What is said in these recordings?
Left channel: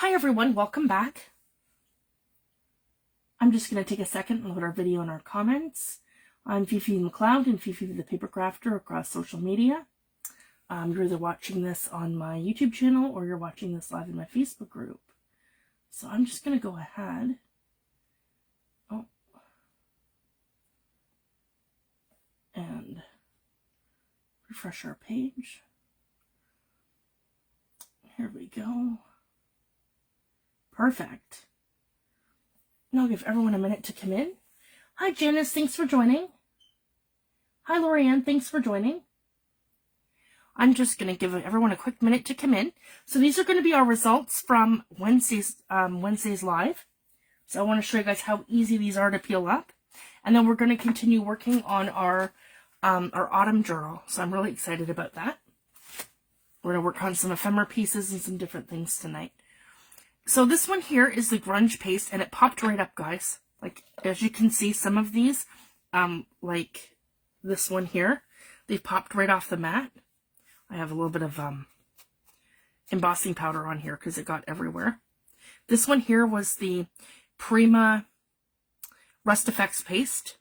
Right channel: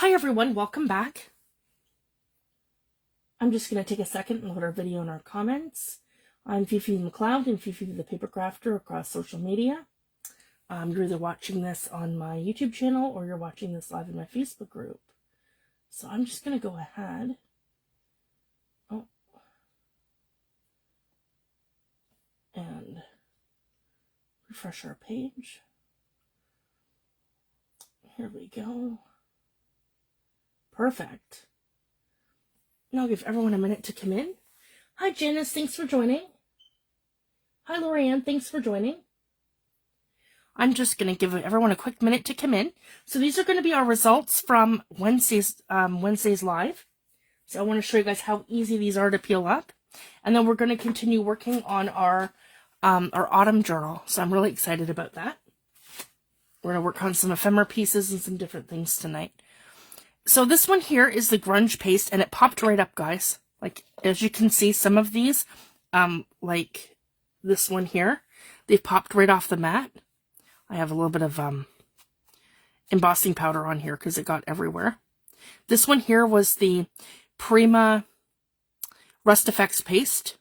Hi everyone, welcome back. I'm just going to take a second and look at our video and our comments. I'm Fifi McLeod and Fifi the Paper Crafter across social media. You're either watching this on my YouTube channel or you're watching this live in my Facebook group. So I'm just going to go ahead. And refresh our page. Here we go. Perfect. Now I'll give everyone a minute to come in. Hi Janice, thanks for joining. Hi Lorianne, thanks for joining. I'm just going to give everyone a quick minute to come in. So these are going to be our results from Wednesday's live. So I want to show you guys how easy these are to peel up. And then we're going to continue working on our autumn journal. So I'm really excited about that. We're going to work on some ephemera pieces and some different things tonight. So this one here is the grunge paste, and it popped right up, guys. Like, as you can see, some of these, like this one here, they've popped right off the mat. I have a little bit of embossing powder on here because it got everywhere. This one here was the Prima Rust Effects paste.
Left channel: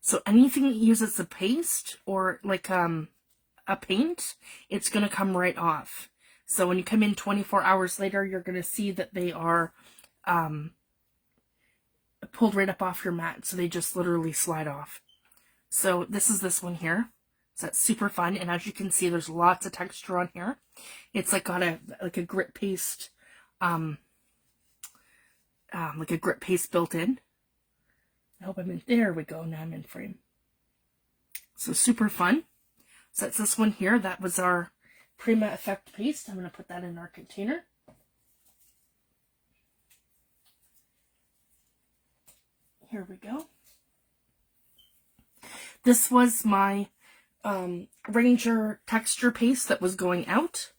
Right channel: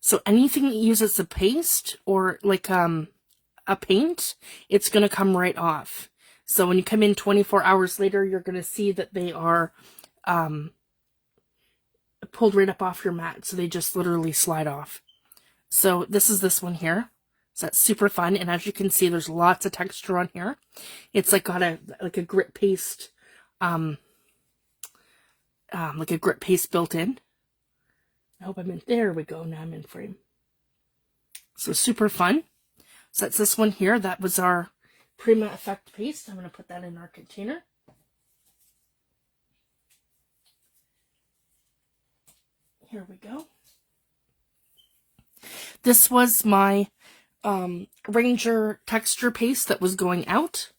So anything that uses a paste or like a paint, it's going to come right off. So when you come in 24 hours later, you're going to see that they are pulled right up off your mat. So they just literally slide off. So this is this one here. So that's super fun. And as you can see, there's lots of texture on here. It's like got a grit paste, like a grit paste built in. I hope I'm in. There we go. Now I'm in frame. So super fun. So that's this one here. That was our Prima Effect paste. I'm going to put that in our container. Here we go. This was my Ranger texture paste that was going out.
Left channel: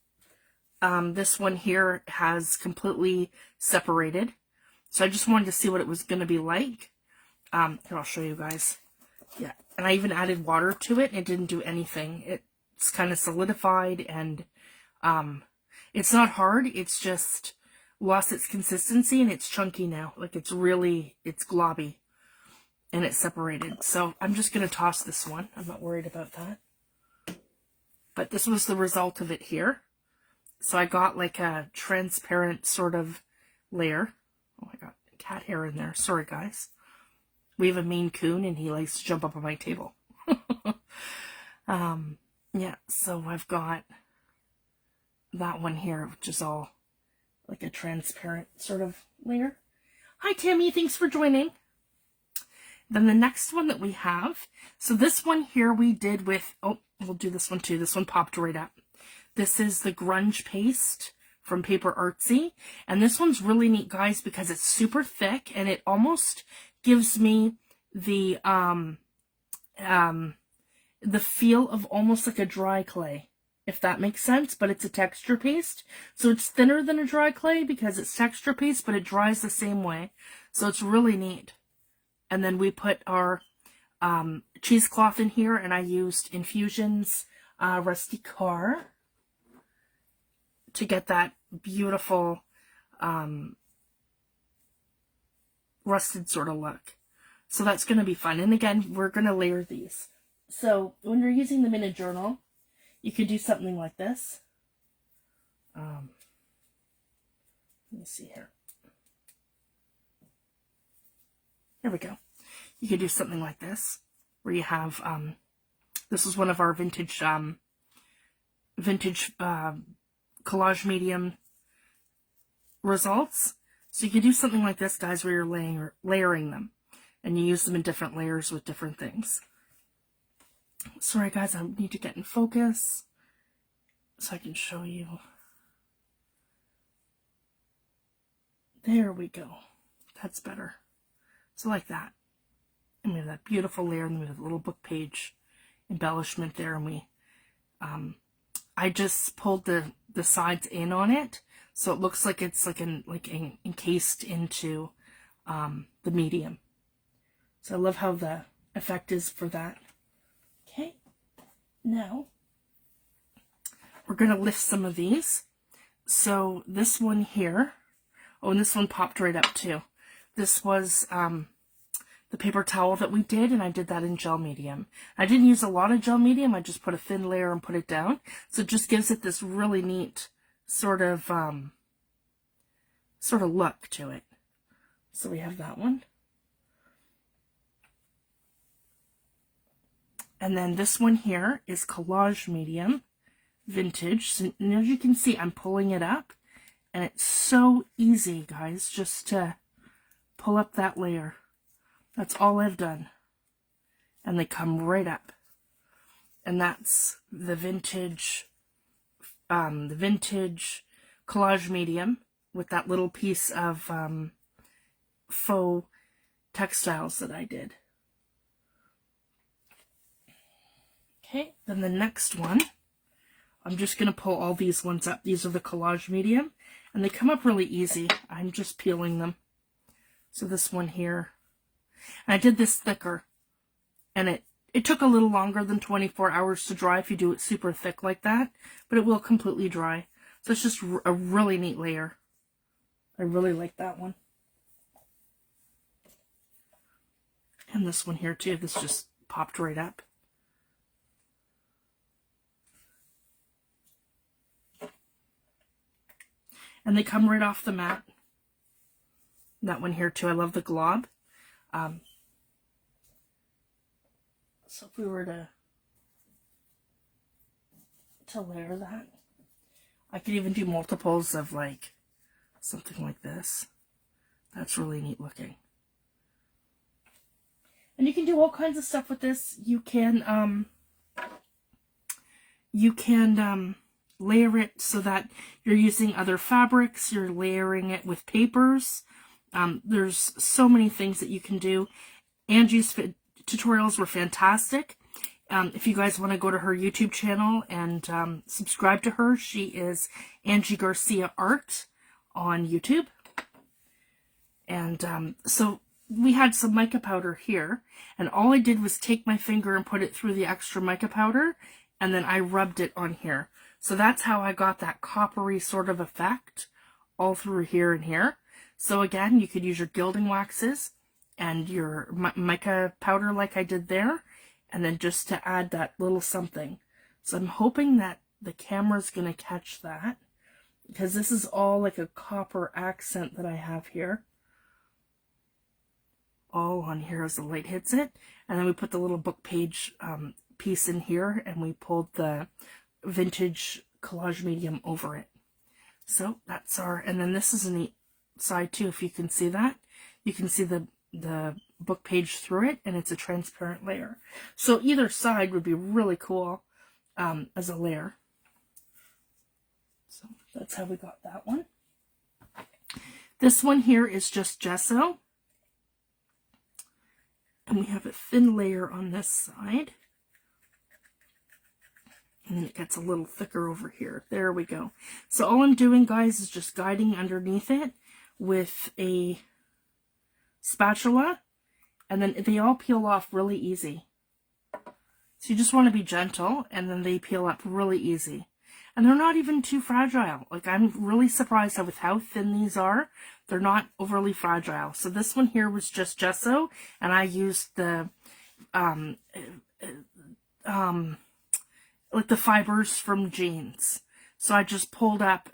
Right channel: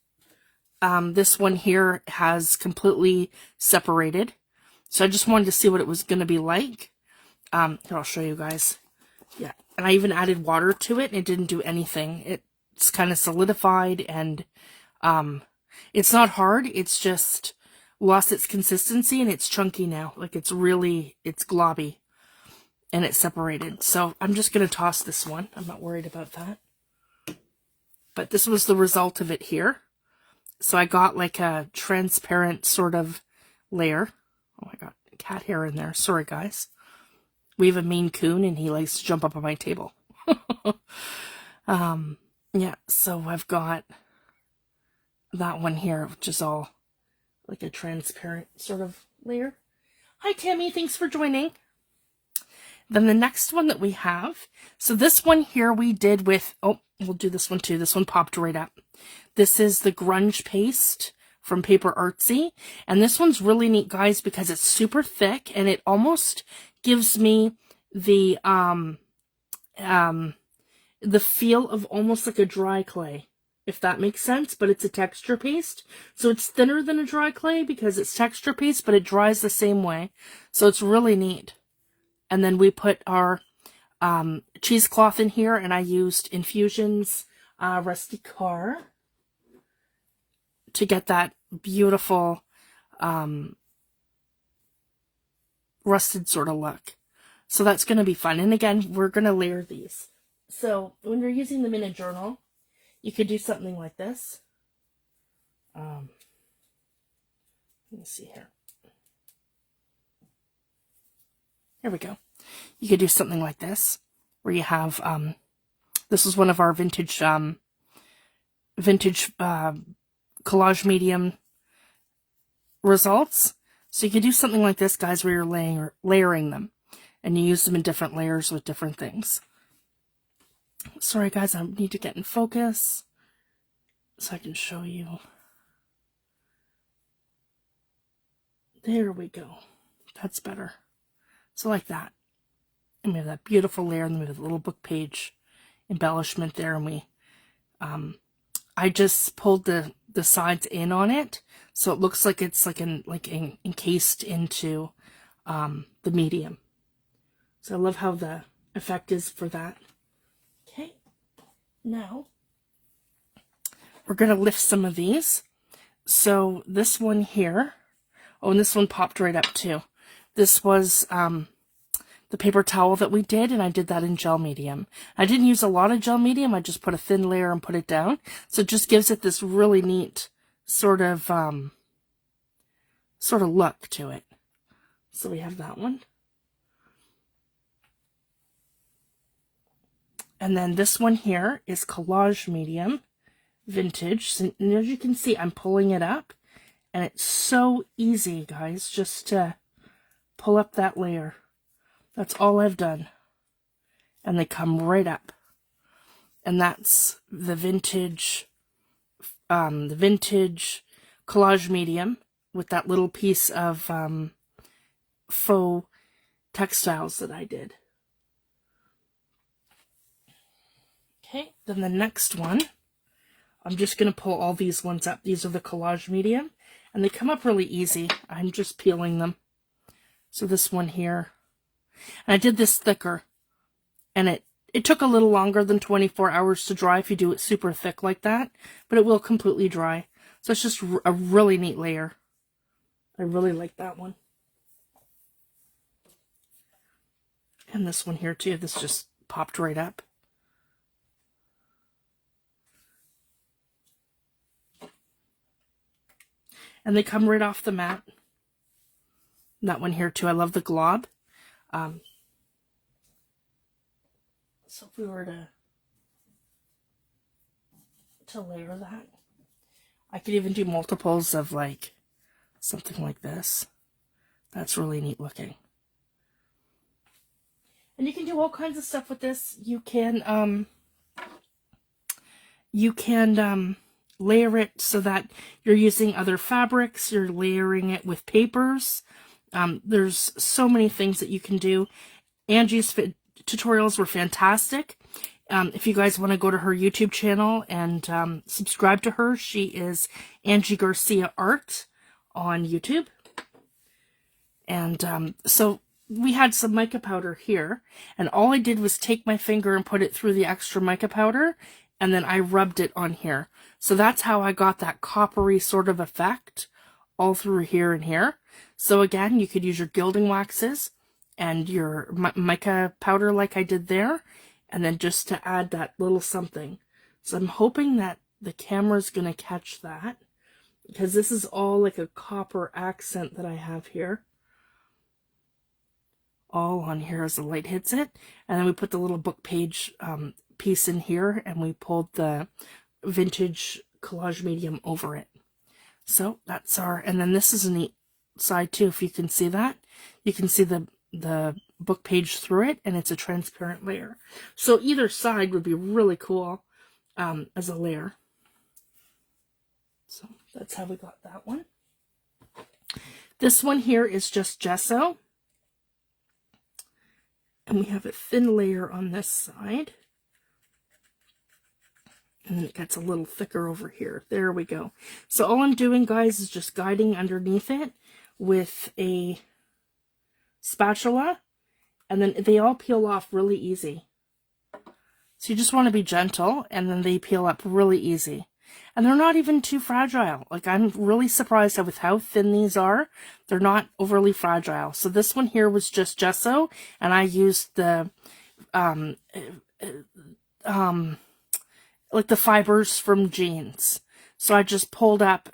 This one here has completely separated. So I just wanted to see what it was going to be like. Here, I'll show you guys. Yeah, and I even added water to it and it didn't do anything. It's kind of solidified and it's not hard. It's just lost its consistency and it's chunky now. Like it's globby and it's separated. So I'm just going to toss this one. I'm not worried about that. But this was the result of it here. So I got like a transparent sort of layer. Oh my God, cat hair in there. Sorry, guys. We have a Maine Coon and he likes to jump up on my table. Yeah, so I've got that one here, which is all like a transparent sort of layer. Hi, Tammy. Thanks for joining. Then the next one that we have, so this one here we did with, oh, we'll do this one too. This one popped right up. This is the grunge paste from Paper Artsy. And this one's really neat, guys, because it's super thick and it almost gives me the feel of almost like a dry clay, if that makes sense, but it's a texture paste. So it's thinner than a dry clay because it's texture paste, but it dries the same way. So it's really neat. And then we put our cheesecloth in here, and I used Infusion's Rusty Car to get that beautiful rusted sort of look. So that's going to be fun. And again, we're going to layer these. So when you're using them in a journal, you could do something like this. Let me see here. There we go. You could do something like this, where you have, this is one of our vintage collage medium results. So you could do something like this, guys, where you're layering them, and you use them in different layers with different things. Sorry, guys, I need to get in focus so I can show you. There we go. That's better. So like that. And we have that beautiful layer, and then we have a little book page embellishment there, and we, I just pulled the sides in on it, so it looks like it's like encased into the medium. So I love how the effect is for that. Okay, now we're going to lift some of these. So this one here, oh, and this one popped right up too. This was the paper towel that we did, and I did that in gel medium. I didn't use a lot of gel medium, I just put a thin layer and put it down. So it just gives it this really neat sort of look to it. So we have that one. And then this one here is collage medium, vintage. So, and as you can see, I'm pulling it up, and it's so easy, guys, just to pull up that layer. That's all I've done. And they come right up. And that's the vintage collage medium with that little piece of faux textiles that I did. Okay, then the next one, I'm just going to pull all these ones up. These are the collage medium, and they come up really easy. I'm just peeling them. So this one here, and I did this thicker, and it took a little longer than 24 hours to dry if you do it super thick like that, but it will completely dry. So it's just a really neat layer. I really like that one. And this one here too, this just popped right up. And they come right off the mat. And that one here too, I love the glob. So if we were to layer that, I could even do multiples of like something like this. That's really neat looking. And you can do all kinds of stuff with this. You can layer it so that you're using other fabrics, you're layering it with papers. There's so many things that you can do. Angie's tutorials were fantastic. If you guys want to go to her YouTube channel and subscribe to her, she is Angie Garcia Art on YouTube. And so we had some mica powder here, and all I did was take my finger and put it through the extra mica powder, and then I rubbed it on here. So that's how I got that coppery sort of effect all through here and here. So again, you could use your gilding waxes and your mica powder like I did there, and then just to add that little something. So I'm hoping that the camera's going to catch that, because this is all like a copper accent that I have here. All on here as the light hits it. And then we put the little book page piece in here, and we pulled the vintage collage medium over it. So that's our, and then this is a neat side too. If you can see that, you can see the book page through it, and it's a transparent layer. So either side would be really cool as a layer. So that's how we got that one. This one here is just gesso. And we have a thin layer on this side. And then it gets a little thicker over here. There we go. So all I'm doing, guys, is just guiding underneath it with a spatula. And then they all peel off really easy. So you just want to be gentle, and then they peel up really easy. And they're not even too fragile. Like, I'm really surprised with how thin these are. They're not overly fragile. So this one here was just gesso, and I used the like the fibers from jeans. So I just pulled up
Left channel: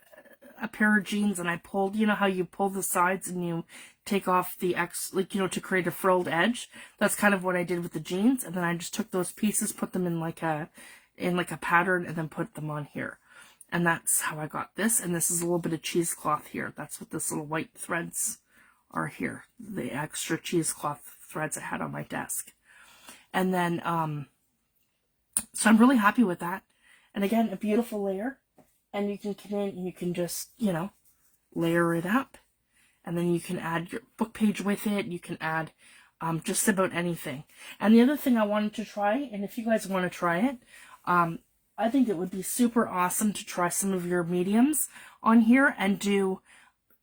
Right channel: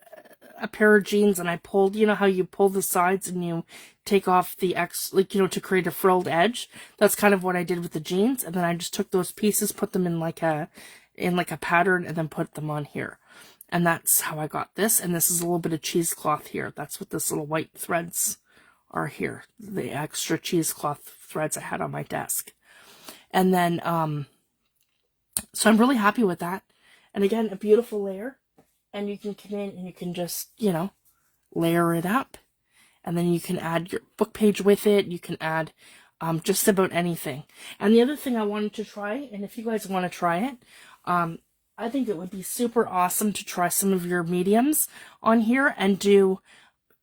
a pair of jeans, and I pulled, you know how you pull the sides and you take off the to create a frilled edge. That's kind of what I did with the jeans. And then I just took those pieces, put them in like a pattern, and then put them on here. And that's how I got this. And this is a little bit of cheesecloth here. That's what this little white threads are here. The extra cheesecloth threads I had on my desk. And then, so I'm really happy with that. And again, a beautiful layer. And you can come in and you can just, layer it up. And then you can add your book page with it. You can add just about anything. And the other thing I wanted to try, and if you guys want to try it, I think it would be super awesome to try some of your mediums on here and do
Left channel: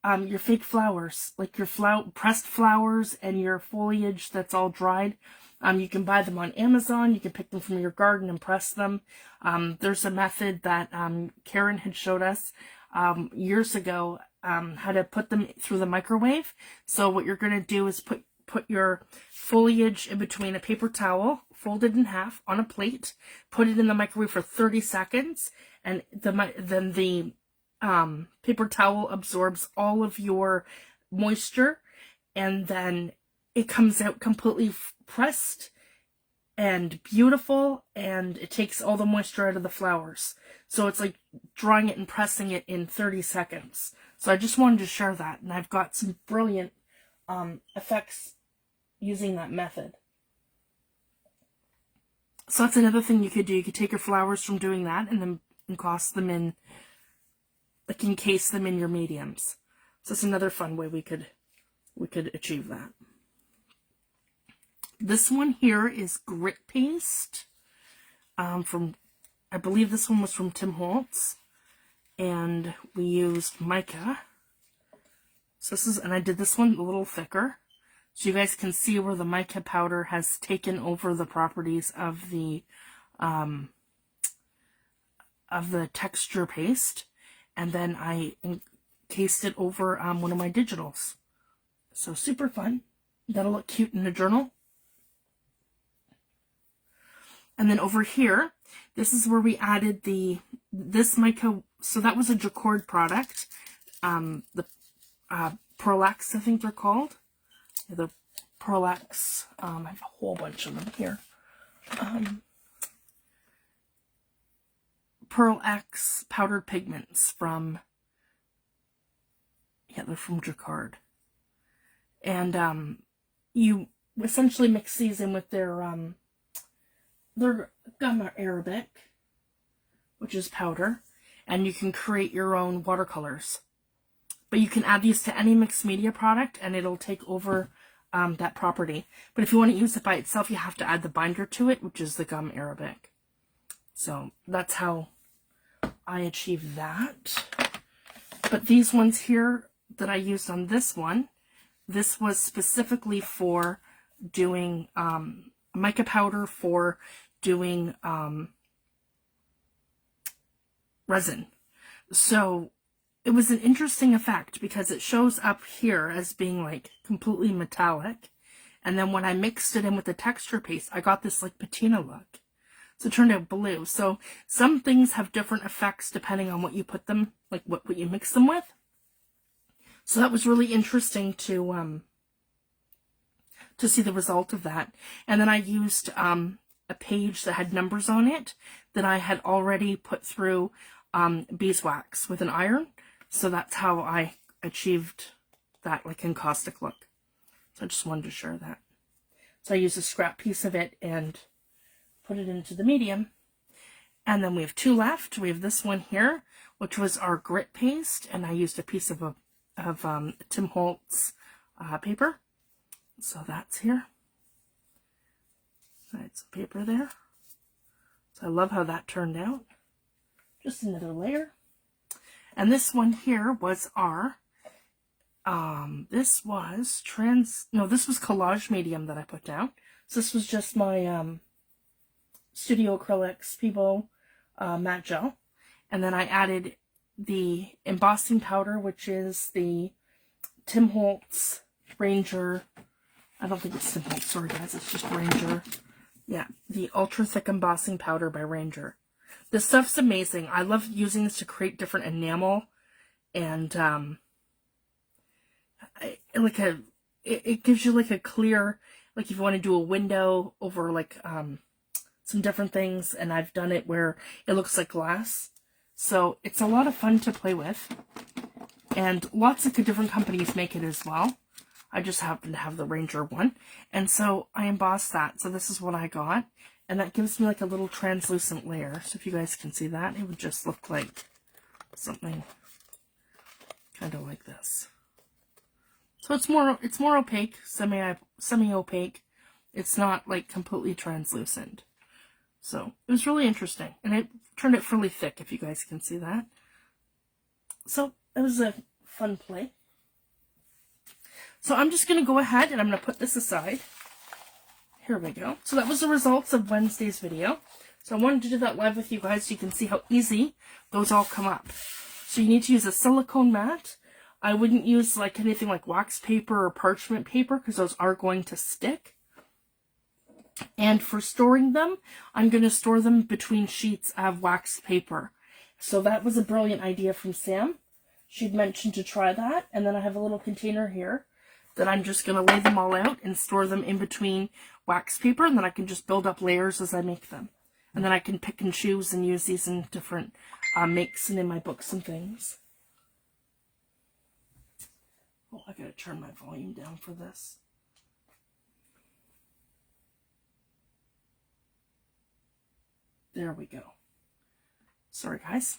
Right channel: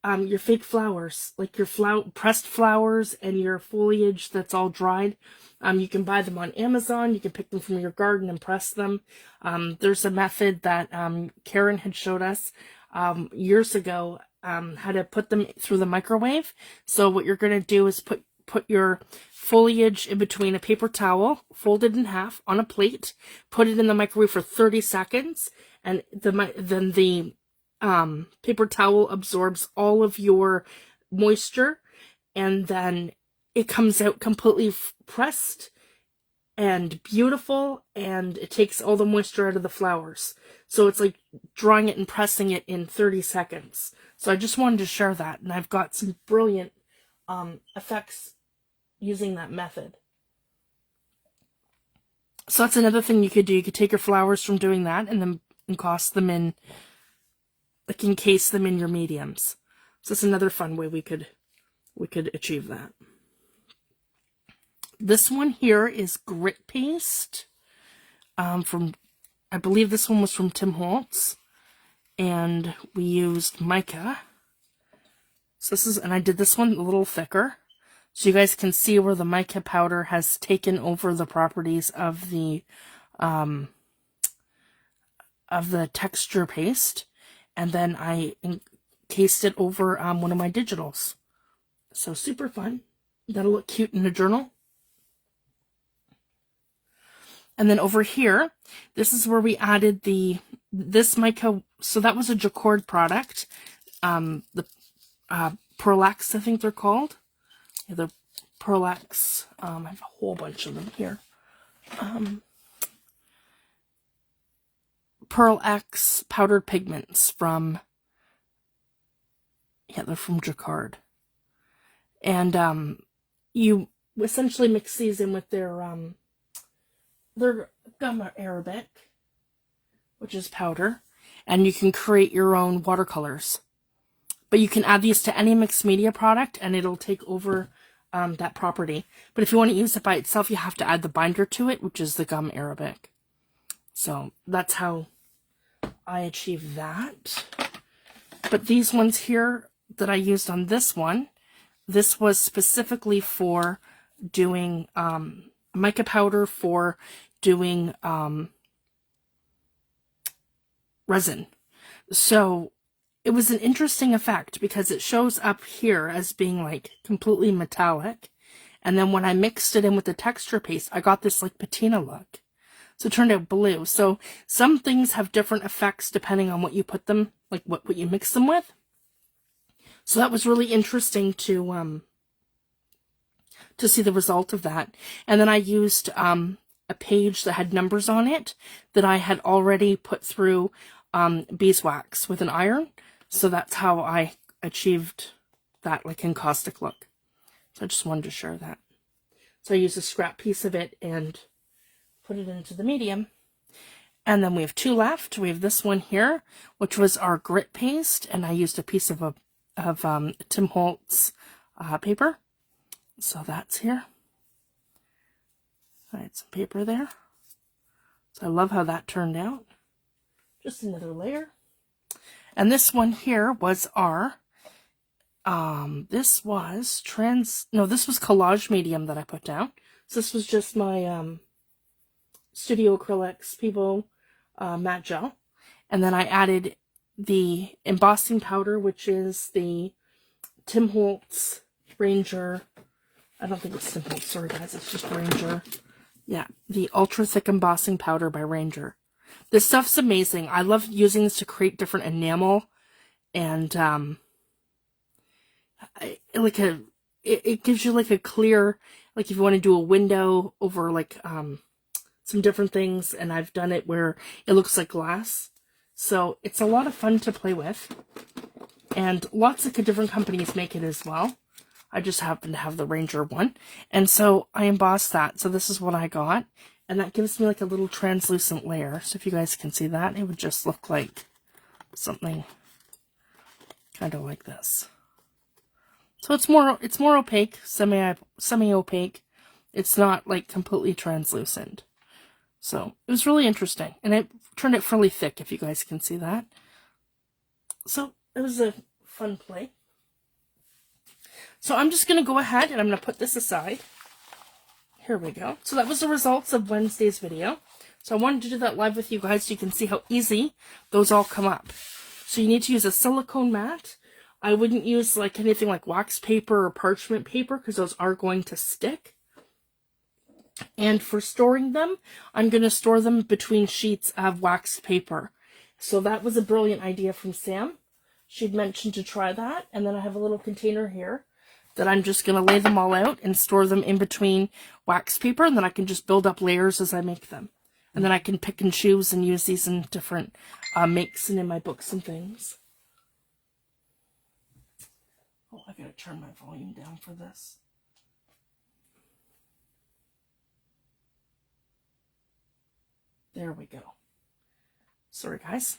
your fake flowers, like your pressed flowers and your foliage that's all dried. You can buy them on Amazon. You can pick them from your garden and press them. There's a method that Karen had showed us years ago how to put them through the microwave. So what you're going to do is put your foliage in between a paper towel, folded in half on a plate, put it in the microwave for 30 seconds, and then the paper towel absorbs all of your moisture, and then it comes out completely pressed and beautiful, and it takes all the moisture out of the flowers. So it's like drawing it and pressing it in 30 seconds. So I just wanted to share that, and I've got some brilliant effects using that method. So that's another thing you could do. You could take your flowers from doing that and then encase them in your mediums. So that's another fun way we could achieve that. This one here is grit paste from, I believe this one was from Tim Holtz, and we used mica. So this is, and I did this one a little thicker, so you guys can see where the mica powder has taken over the properties of the texture paste, and then I encased it over one of my digitals. So super fun. That'll look cute in a journal. And then over here, this is where we added this mica. So that was a Jacquard product. The Pearlax, I think they're called. Yeah, the Pearlax. I have a whole bunch of them here. Pearlax powdered pigments from, yeah, they're from Jacquard. And you essentially mix these in with their gum arabic, which is powder, and you can create your own watercolors. But you can add these to any mixed media product and it'll take over that property. But if you want to use it by itself, you have to add the binder to it, which is the gum arabic. So that's how I achieve that. But these ones here that I used on this one, this was specifically for doing mica powder for doing resin. So it was an interesting effect because it shows up here as being like completely metallic, and then when I mixed it in with the texture paste, I got this like patina look. So it turned out blue. So some things have different effects depending on what you put them, like what you mix them with. So that was really interesting to see the result of that. And then I used a page that had numbers on it that I had already put through beeswax with an iron. So that's how I achieved that like encaustic look. So I just wanted to share that. So I used a scrap piece of it and put it into the medium. And then we have two left. We have this one here, which was our grit paste, and I used a piece of Tim Holtz paper. So that's here. I had some paper there. So I love how that turned out. Just another layer. And this one here was our, this was collage medium that I put down. So this was just my Studio Acrylics Peebo matte gel. And then I added the embossing powder, which is the Tim Holtz Ranger. I don't think it's Tim Holtz, sorry guys, it's just Ranger. Yeah, the ultra thick embossing powder by Ranger. This stuff's amazing. I love using this to create different enamel, and it gives you like a clear, like if you want to do a window over like some different things, and I've done it where it looks like glass. So it's a lot of fun to play with, and lots of different companies make it as well. I just happen to have the Ranger one, and so I embossed that. So this is what I got, and that gives me like a little translucent layer. So if you guys can see that, it would just look like something kind of like this. So it's more opaque, semi-opaque. It's not like completely translucent. So it was really interesting, and it turned it fairly thick, if you guys can see that. So it was a fun play. So I'm just going to go ahead and I'm going to put this aside. Here we go. So that was the results of Wednesday's video. So I wanted to do that live with you guys so you can see how easy those all come up. So you need to use a silicone mat. I wouldn't use like anything like wax paper or parchment paper because those are going to stick. And for storing them, I'm going to store them between sheets of wax paper. So that was a brilliant idea from Sam. She'd mentioned to try that. And then I have a little container here that I'm just going to lay them all out and store them in between wax paper. And then I can just build up layers as I make them. And then I can pick and choose and use these in different makes and in my books and things. Oh, I gotta turn my volume down for this. There we go. Sorry, guys.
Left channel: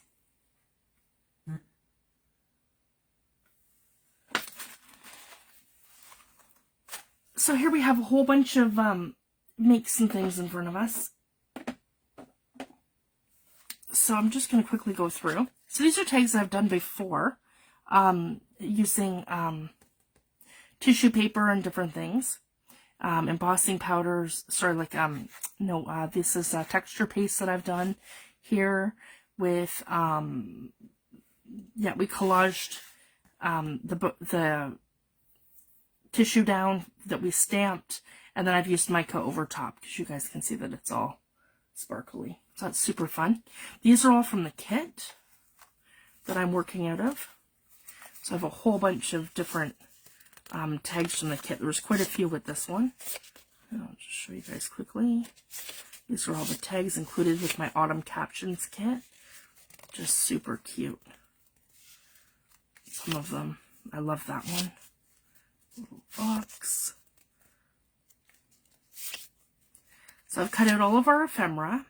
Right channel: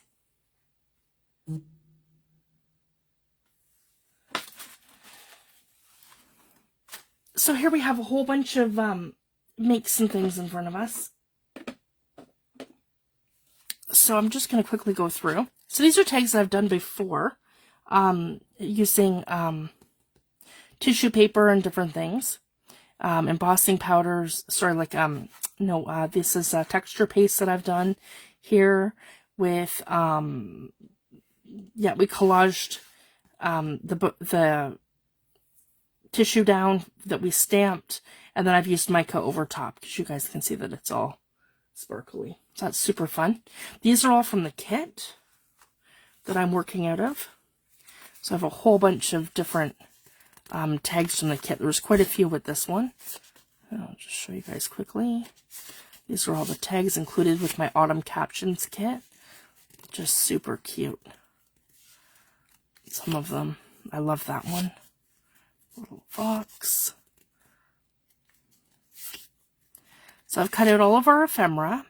So here we have a whole bunch of makes and things in front of us. So I'm just going to quickly go through. So these are tags that I've done before using tissue paper and different things. Embossing powders, this is texture paste that I've done here with, we collaged the tissue down that we stamped, and then I've used mica over top because you guys can see that it's all sparkly. So that's super fun. These are all from the kit that I'm working out of. So I have a whole bunch of different tags from the kit. There's quite a few with this one. I'll just show you guys quickly. These are all the tags included with my Autumn Captions Kit. Just super cute. Some of them. I love that one. Little fox. So I've cut out all of our ephemera.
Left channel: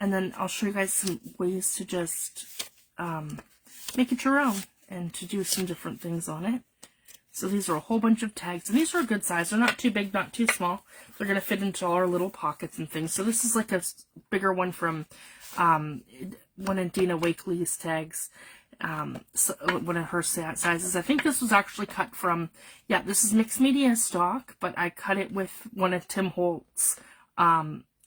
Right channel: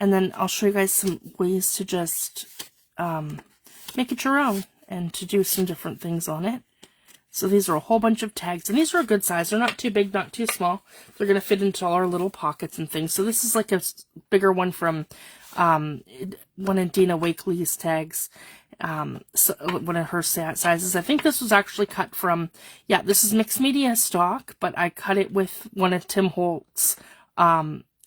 And then I'll show you guys some ways to just make it your own and to do some different things on it. So these are a whole bunch of tags, and these are a good size. They're not too big, not too small. They're going to fit into all our little pockets and things. So this is like a bigger one from one of Dina Wakely's tags, so one of her sizes. I think this was actually cut from, this is mixed media stock, but I cut it with one of Tim Holtz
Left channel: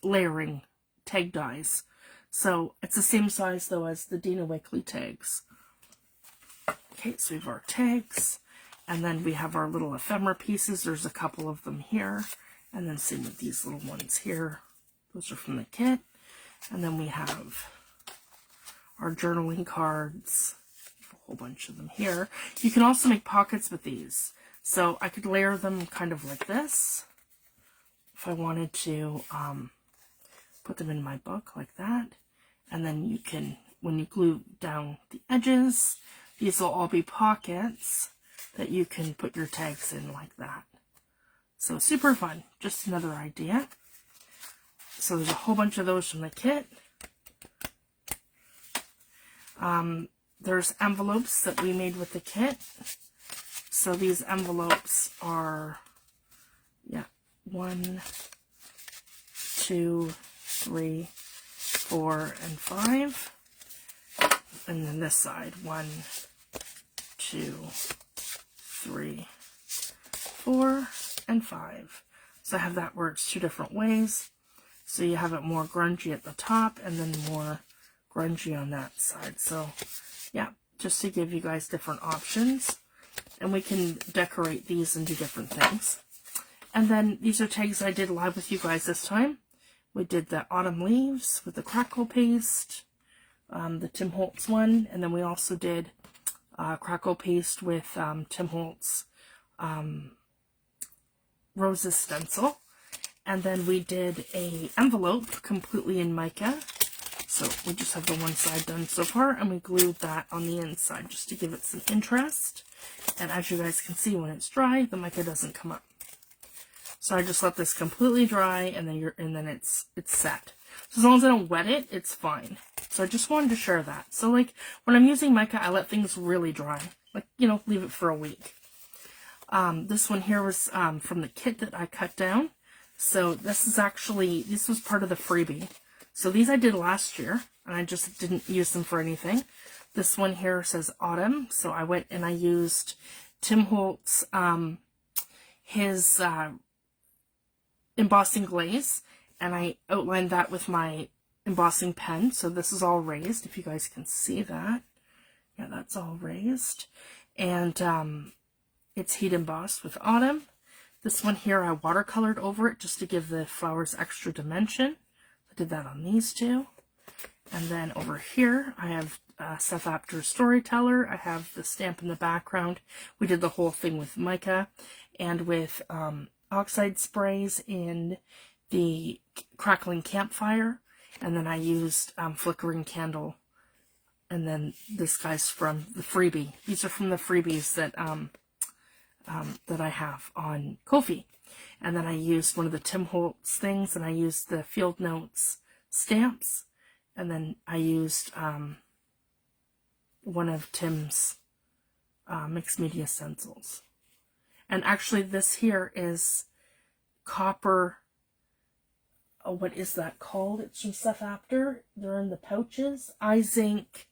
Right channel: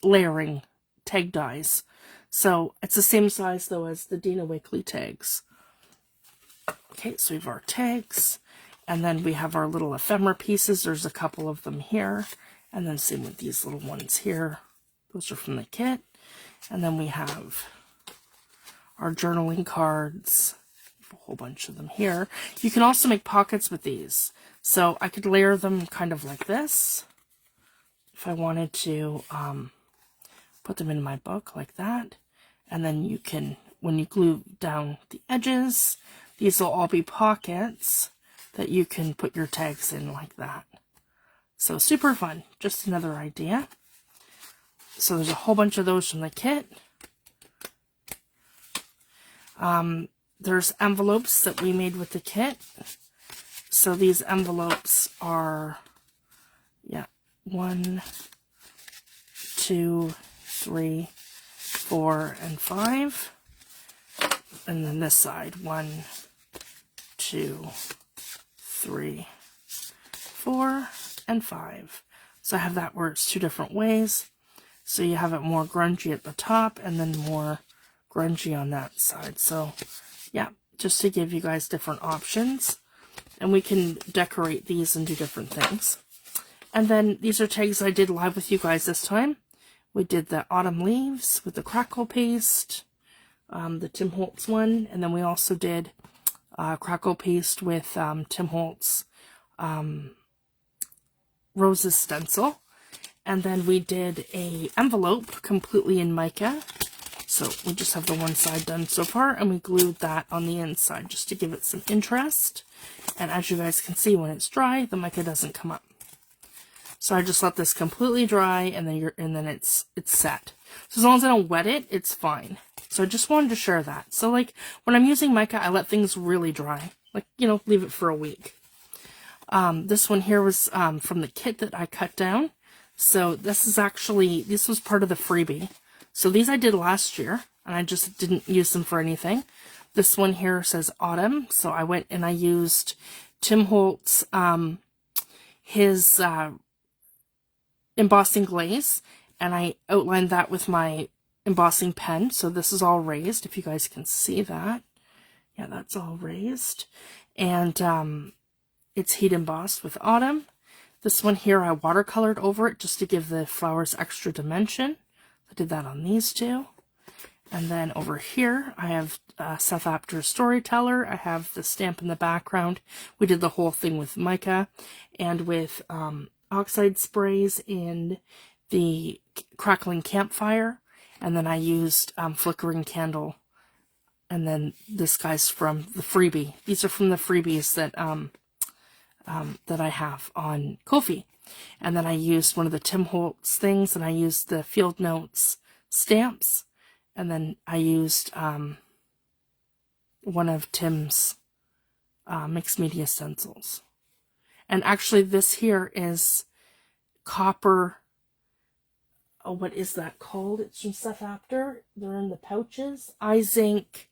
layering tag dies. So it's the same size though as the Dina Wakely tags. Okay, so we have our tags, and then we have our little ephemera pieces. There's a couple of them here, and then same with these little ones here. Those are from the kit. And then we have our journaling cards, a whole bunch of them here. You can also make pockets with these. So I could layer them kind of like this if I wanted to put them in my book like that. And then you can, when you glue down the edges, these will all be pockets that you can put your tags in like that. So super fun. Just another idea. So there's a whole bunch of those from the kit. There's envelopes that we made with the kit. So these envelopes are, 1, 2, 3, 4, and 5. And then this side, 1, 2, 3, 4, and 5. So I have that where it's two different ways. So you have it more grungy at the top and then more grungy on that side. So just to give you guys different options. And we can decorate these and do different things. And then these are tags I did live with you guys this time. We did the autumn leaves with the crackle paste, the Tim Holtz one, and then we also did crackle paste with Tim Holtz Roses stencil. And then we did a envelope completely in mica. So we just have the one side done so far, and we glued that on the inside just to give it some interest. And as you guys can see, when it's dry, the mica doesn't come up. So I just let this completely dry, and then it's set. So as long as I don't wet it, it's fine. So I just wanted to share that. So like when I'm using mica, I let things really dry. Like, leave it for a week. This one here was from the kit that I cut down. So this was part of the freebie. So these I did last year, and I just didn't use them for anything. This one here says Autumn. So I went and I used Tim Holtz, his embossing glaze, and I outlined that with my embossing pen. So this is all raised, if you guys can see that. Yeah, that's all raised. And it's heat embossed with Autumn. This one here I watercolored over it just to give the flowers extra dimension. I did that on these two. And then over here I have Seth Apter Storyteller. I have the stamp in the background. We did the whole thing with mica and with oxide sprays in the crackling campfire. And then I used flickering candle. And then this guy's from the freebie. These are from the freebies that that I have on Ko-fi. And then I used one of the Tim Holtz things, and I used the Field Notes stamps. And then I used one of Tim's mixed media stencils. And actually this here is copper. Oh, what is that called? It's from Seth Apter. They're in the pouches. iZinc.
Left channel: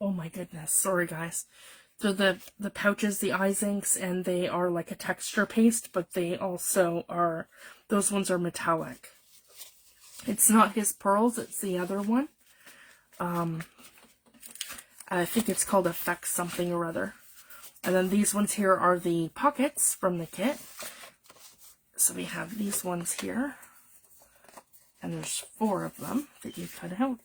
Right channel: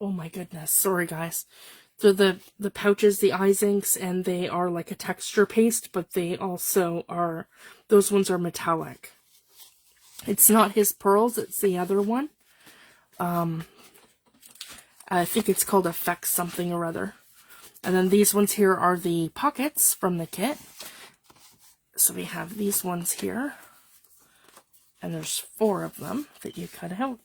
Oh my goodness. Sorry, guys. They're the pouches, the iZincs, and they are like a texture paste, but they also are, those ones are metallic. It's not his pearls, it's the other one. I think it's called Effects something or other. And then these ones here are the pockets from the kit. So we have these ones here. And there's 4 of them that you cut out.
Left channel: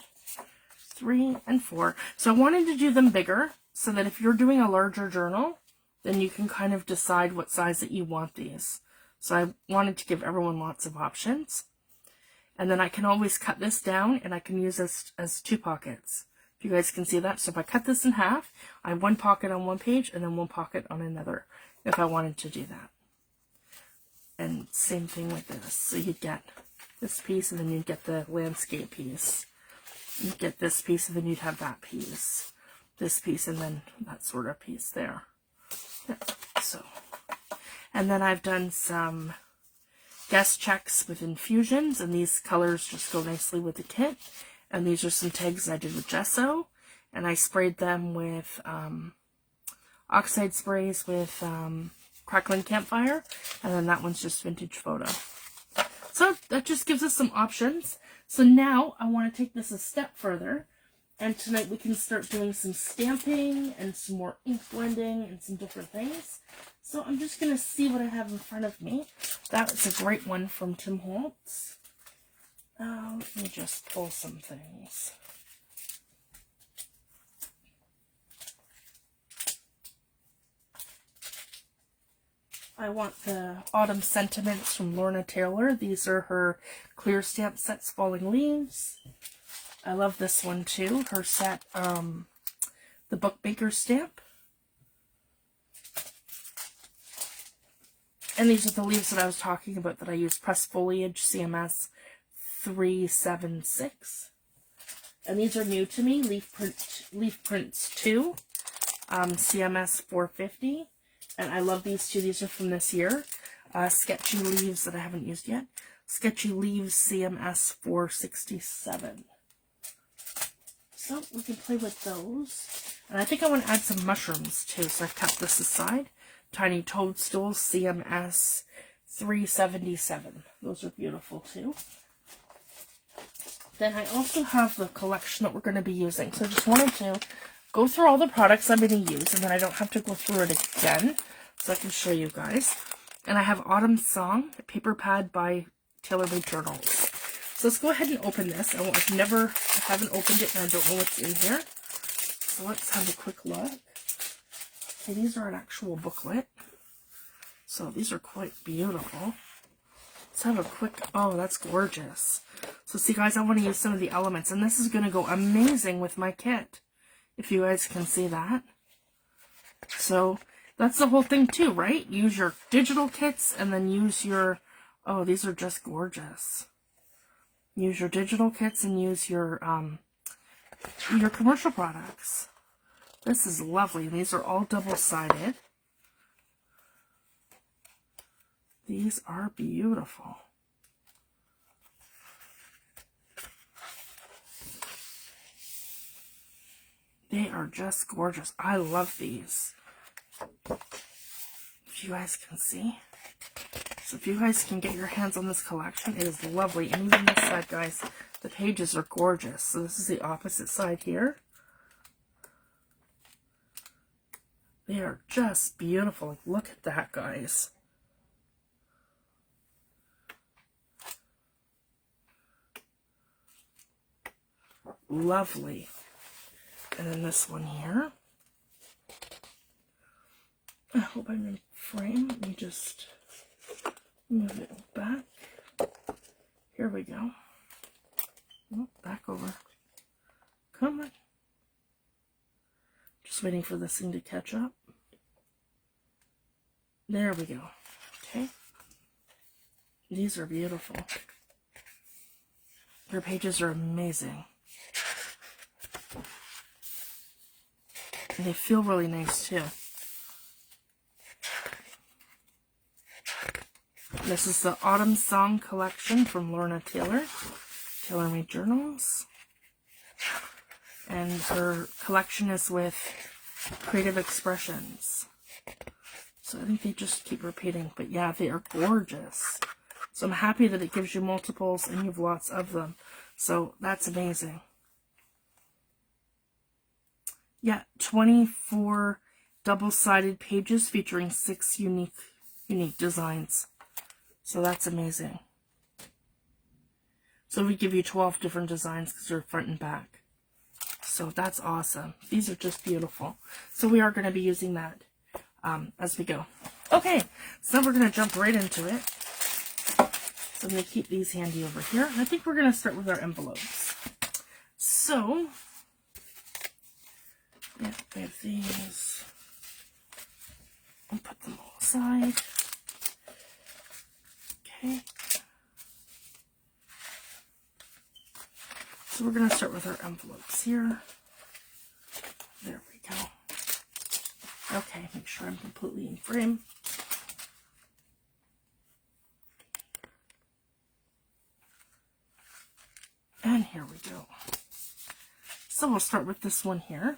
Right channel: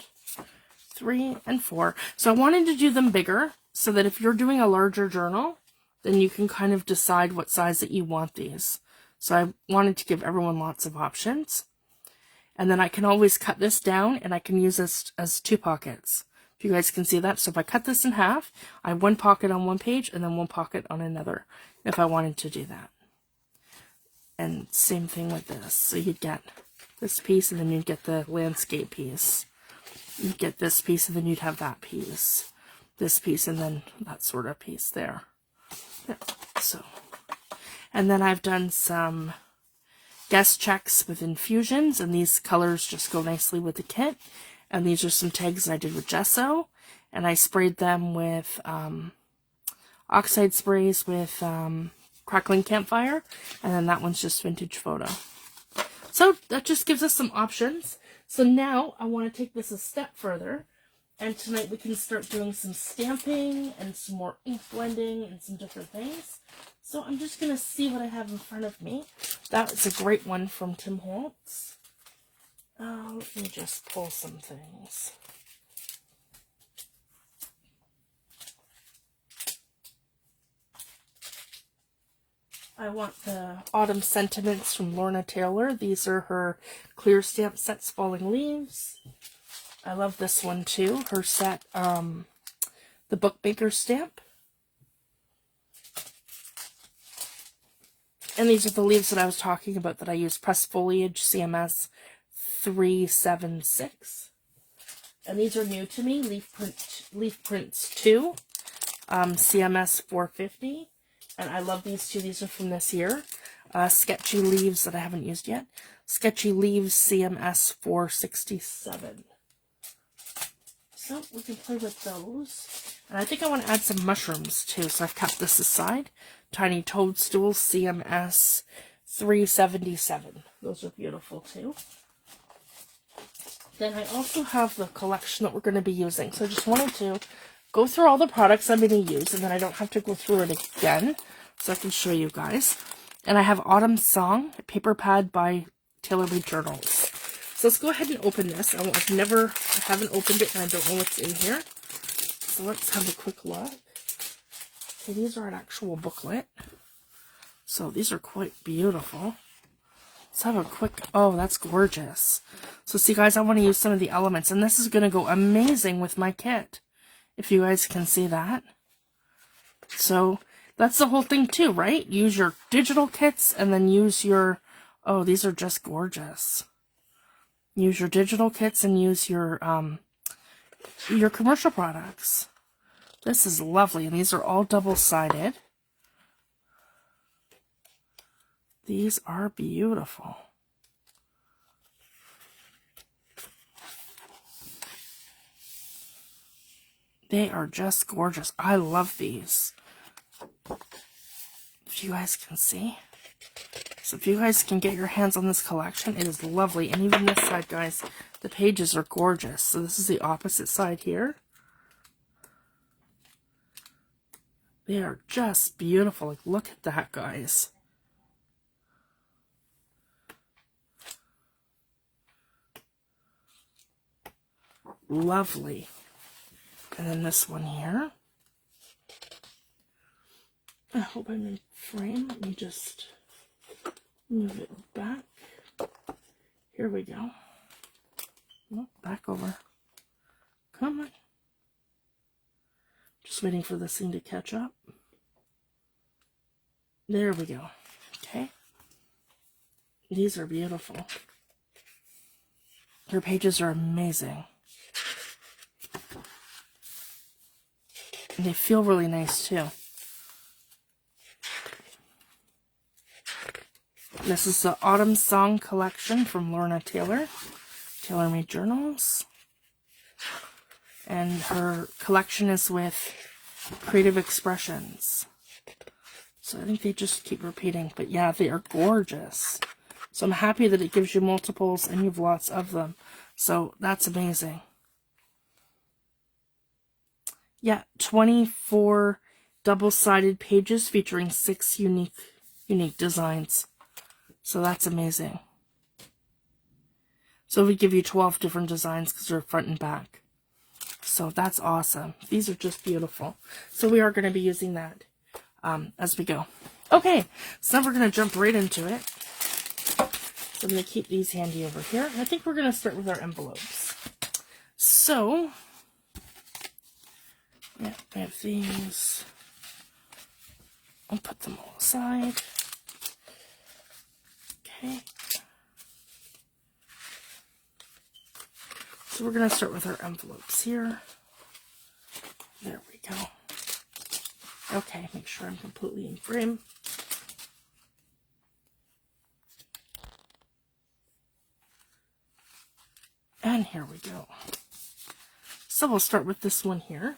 3 and 4. So I wanted to do them bigger so that if you're doing a larger journal, then you can kind of decide what size that you want these. So I wanted to give everyone lots of options. And then I can always cut this down and I can use this as 2 pockets. If you guys can see that. So if I cut this in half, I have 1 pocket on one page and then 1 pocket on another if I wanted to do that. And same thing with this. So you'd get this piece and then you'd get the landscape piece. You'd get this piece and then you'd have that piece. This piece and then that sort of piece there. Yeah, so. And then I've done some guest checks with infusions, and these colors just go nicely with the kit. And these are some tags I did with gesso, and I sprayed them with oxide sprays with crackling campfire, and then that one's just vintage photo. So that just gives us some options. So now I want to take this a step further, and tonight we can start doing some stamping and some more ink blending and some different things. So I'm just going to see what I have in front of me. That was a great one from Tim Holtz. Let me just pull some things. I want the Autumn Sentiments from Lorna Taylor. These are her clear stamp sets, Falling Leaves. I love this one too. Her set, the Bookmaker stamp. And these are the leaves that I was talking about that I use. Pressed Foliage CMS 376. And these are new to me. Leaf Prints 2. CMS 450. And I love these two. These are from this year. Sketchy Leaves that I haven't used yet. Sketchy Leaves CMS 467. So we can play with those. And I think I want to add some mushrooms too. So I've kept this aside. Tiny Toadstools CMS 377. Those are beautiful too. Then I also have the collection that we're going to be using. So I just wanted to go through all the products I'm going to use, and then I don't have to go through it again, so I can show you guys. And I have Autumn Song, a paper pad by Taylor Made Journals. So let's go ahead and open this. I haven't opened it, and I don't know what's in here. So let's have a quick look. Okay, these are an actual booklet. So these are quite beautiful. Let's have a quick, oh, that's gorgeous. So see guys, I want to use some of the elements, and this is going to go amazing with my kit. If you guys can see that. So that's the whole thing too, right? Use your digital kits and then use your, oh, these are just gorgeous. Use your digital kits and use your commercial products. This is lovely. And these are all double-sided. These are beautiful. They are just gorgeous. I love these. If you guys can see. So if you guys can get your hands on this collection, it is lovely. And even this side, guys, the pages are gorgeous. So this is the opposite side here. They are just beautiful. Look at that, guys. Lovely. And then this one here. I hope I'm in frame. Let me just move it back. Here we go. Oh, back over. Come on. Just waiting for this thing to catch up. There we go. Okay. These are beautiful. Your pages are amazing. And they feel really nice too. This is the Autumn Song Collection from Lorna Taylor, Taylor Made Journals. And her collection is with Creative Expressions. So I think they just keep repeating. But yeah, they are gorgeous. So I'm happy that it gives you multiples and you have lots of them. So that's amazing. Yeah, 24 double-sided pages featuring 6 unique designs. So that's amazing. So we give you 12 different designs because they're front and back. So that's awesome. These are just beautiful. So we are going to be using that as we go. Okay, so now we're going to jump right into it. So I'm going to keep these handy over here. I think we're going to start with our envelopes. So, yeah, I have these. I'll put them all aside. Okay. So we're going to start with our envelopes here. There we go. Okay, make sure I'm completely in frame. And here we go. So we'll start with this one here.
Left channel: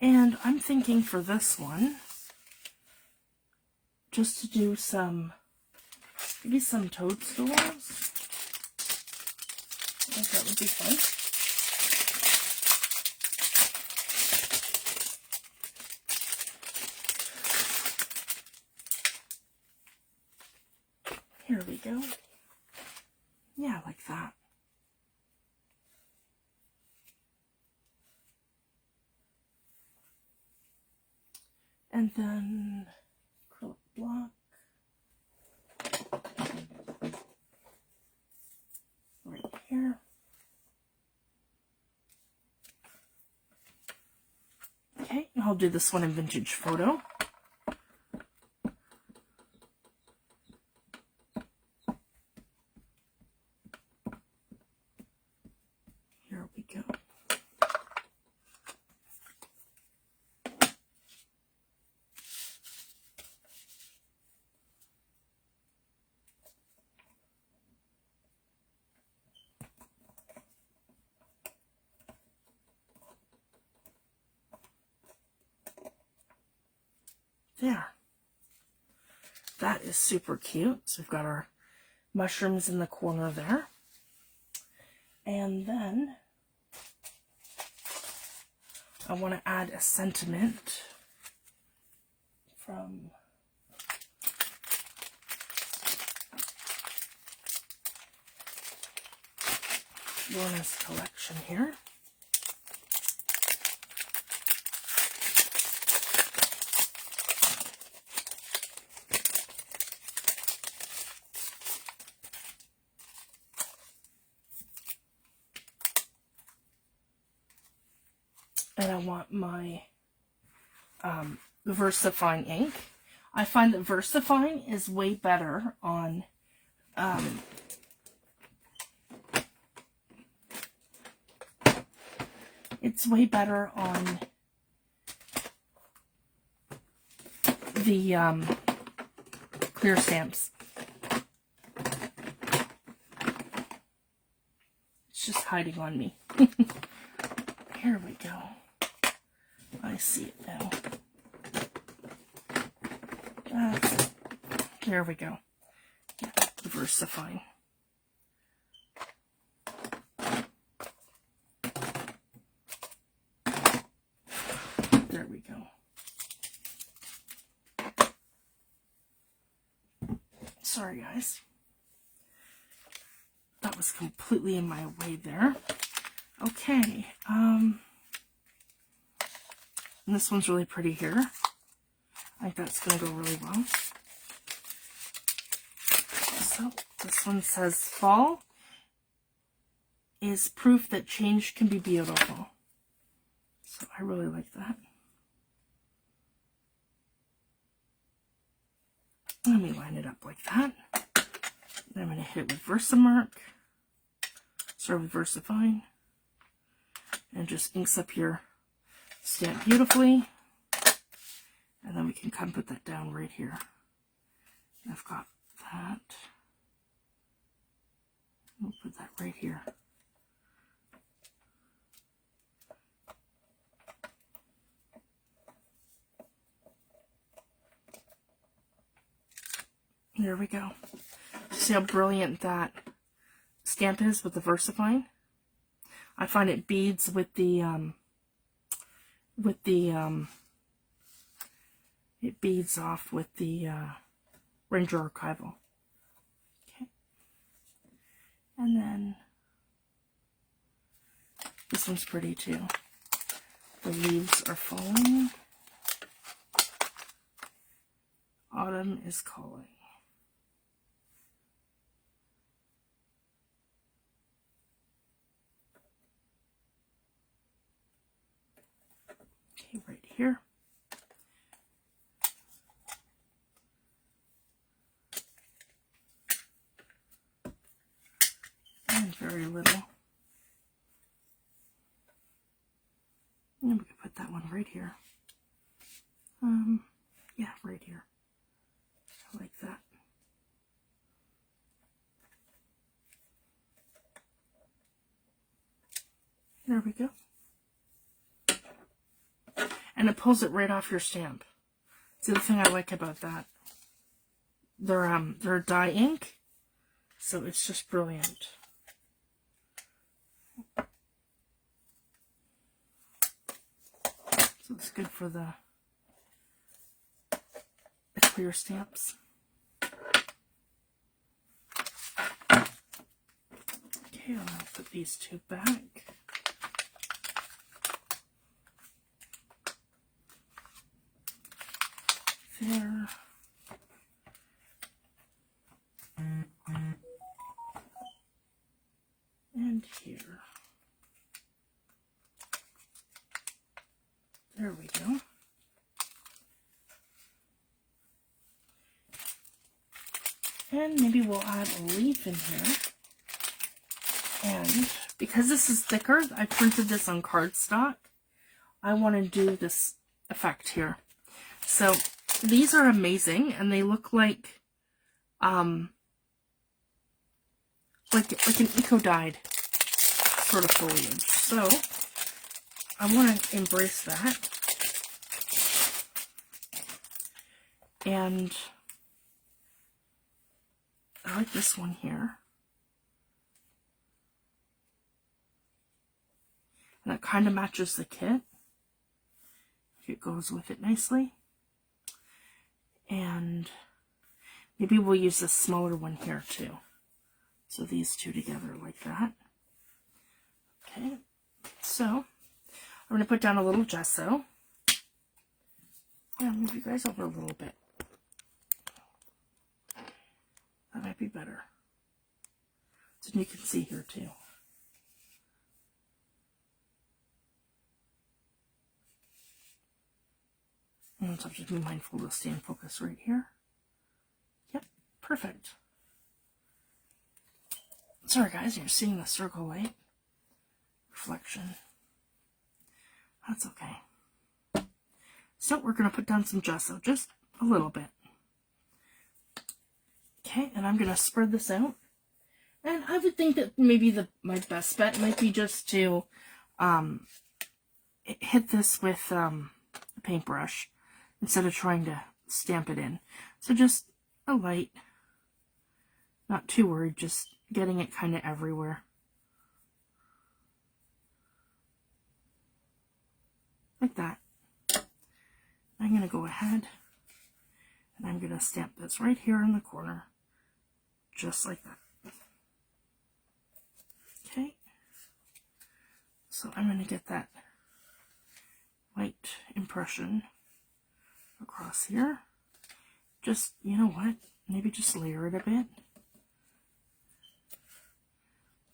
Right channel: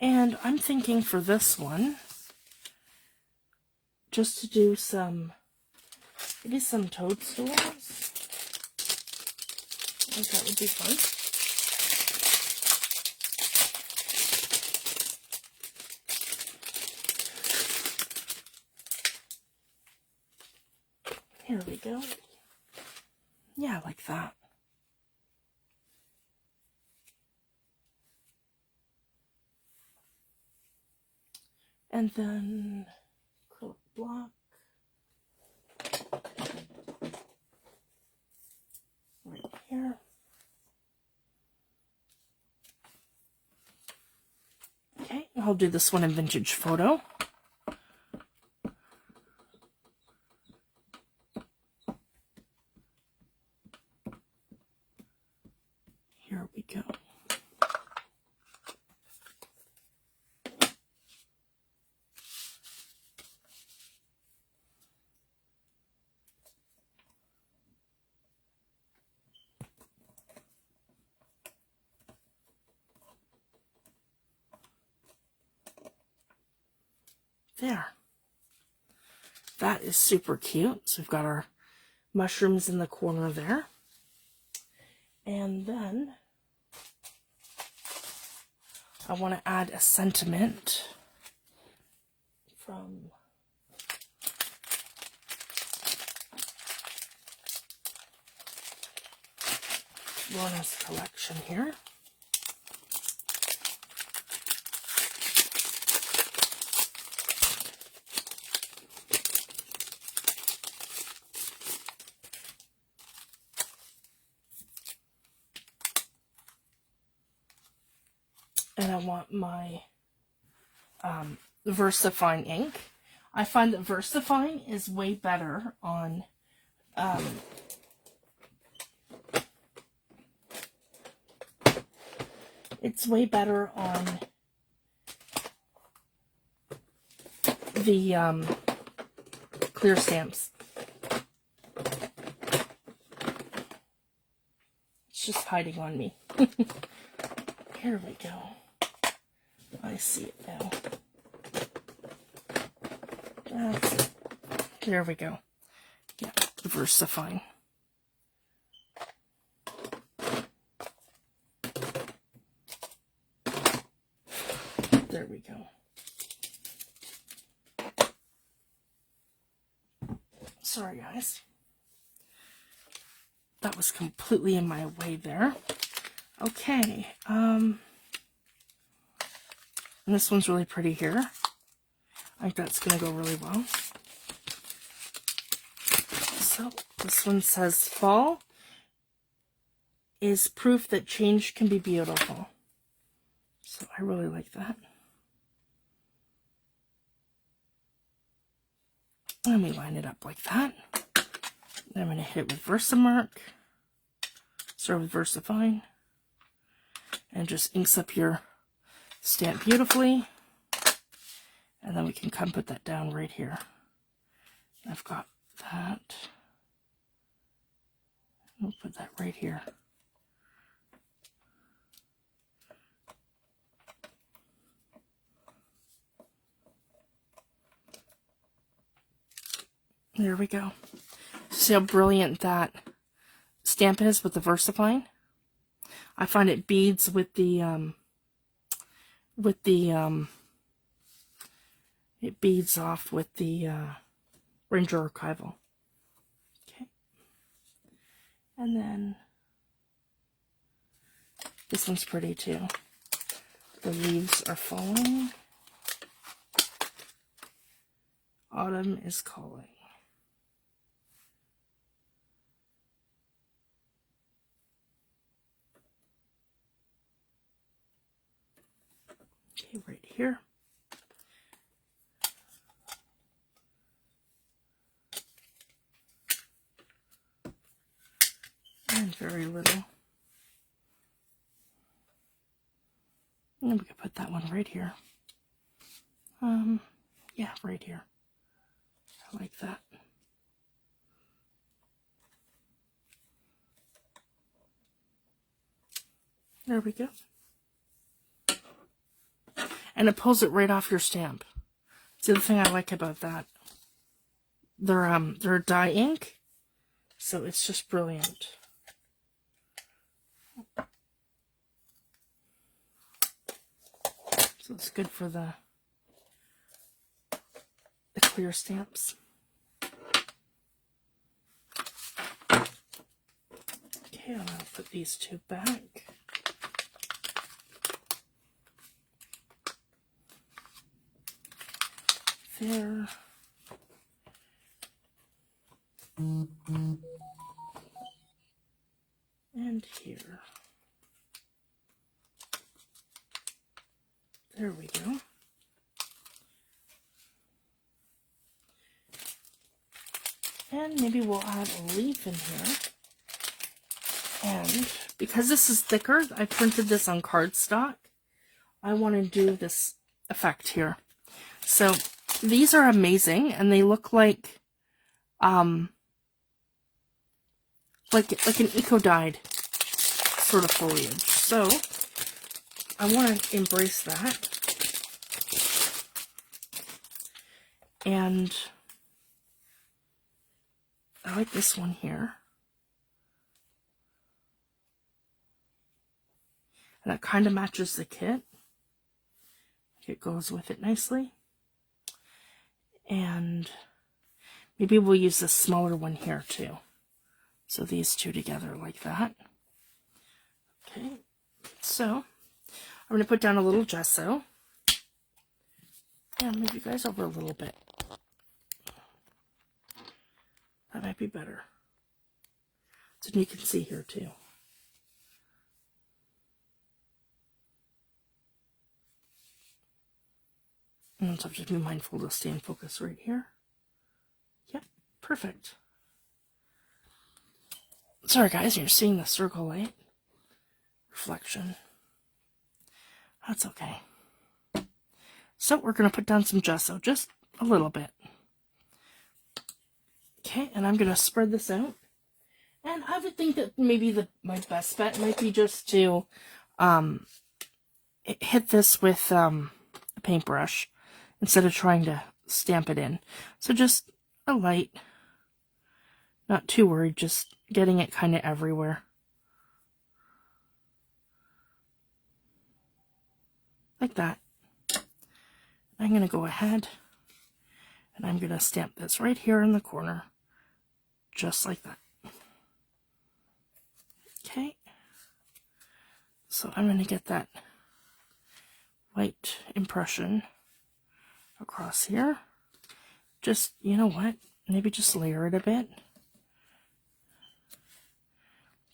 And I'm thinking for this one, just to do some, maybe some toadstools. I think that would be fun. Here we go. Yeah, like that. And then acrylic block. Right here. Okay, I'll do this one in Vintage Photo. Here we go. There. That is super cute. So we've got our mushrooms in the corner there. And then I want to add a sentiment from Lorna's collection here. And I want my VersaFine ink. I find that VersaFine is way better on it's way better on the clear stamps. It's just hiding on me. Here we go. I see it now. There we go. Yeah, versifying. There we go. Sorry, guys. That was completely in my way there. Okay. And this one's really pretty here. I think that's going to go really well. So, this one says, fall is proof that change can be beautiful. So, I really like that. Let me line it up like that. Then I'm going to hit it with Versamark. Start with VersaFine. And just inks up your stamp beautifully. And then we can come put that down right here. I've got that. We'll put that right here. There we go. See how brilliant that stamp is with the VersaFine? I find it beads with the it beads off with the Ranger Archival. Okay. And then this one's pretty too. The leaves are falling. Autumn is calling. Okay, right here. And very little. And we could put that one right here. Yeah, right here. I like that. There we go. And it pulls it right off your stamp. It's the other thing I like about that. They're dye ink, so it's just brilliant. So it's good for the clear stamps. Okay, I'll put these two back. There. And here. There we go. And maybe we'll add a leaf in here. And because this is thicker, I printed this on cardstock. I want to do this effect here. So these are amazing, and they look like an eco-dyed sort of foliage. So I want to embrace that. And I like this one here. And that kind of matches the kit. It goes with it nicely. And maybe we'll use this smaller one here too. So these two together like that. Okay, so I'm going to put down a little gesso. And move you guys over a little bit. That might be better. So you can see here too. And so just be mindful to stay in focus right here. Yep, perfect. Sorry guys, you're seeing the circle light reflection. That's okay. So we're going to put down some gesso, just a little bit. Okay, and I'm going to spread this out. And I would think that maybe my best bet might be just to hit this with a paintbrush instead of trying to stamp it in. So just a light. Not too worried, just getting it kind of everywhere. Like that. I'm going to go ahead and I'm going to stamp this right here in the corner, just like that. Okay. So I'm going to get that white impression across here. Just, you know what, maybe just layer it a bit.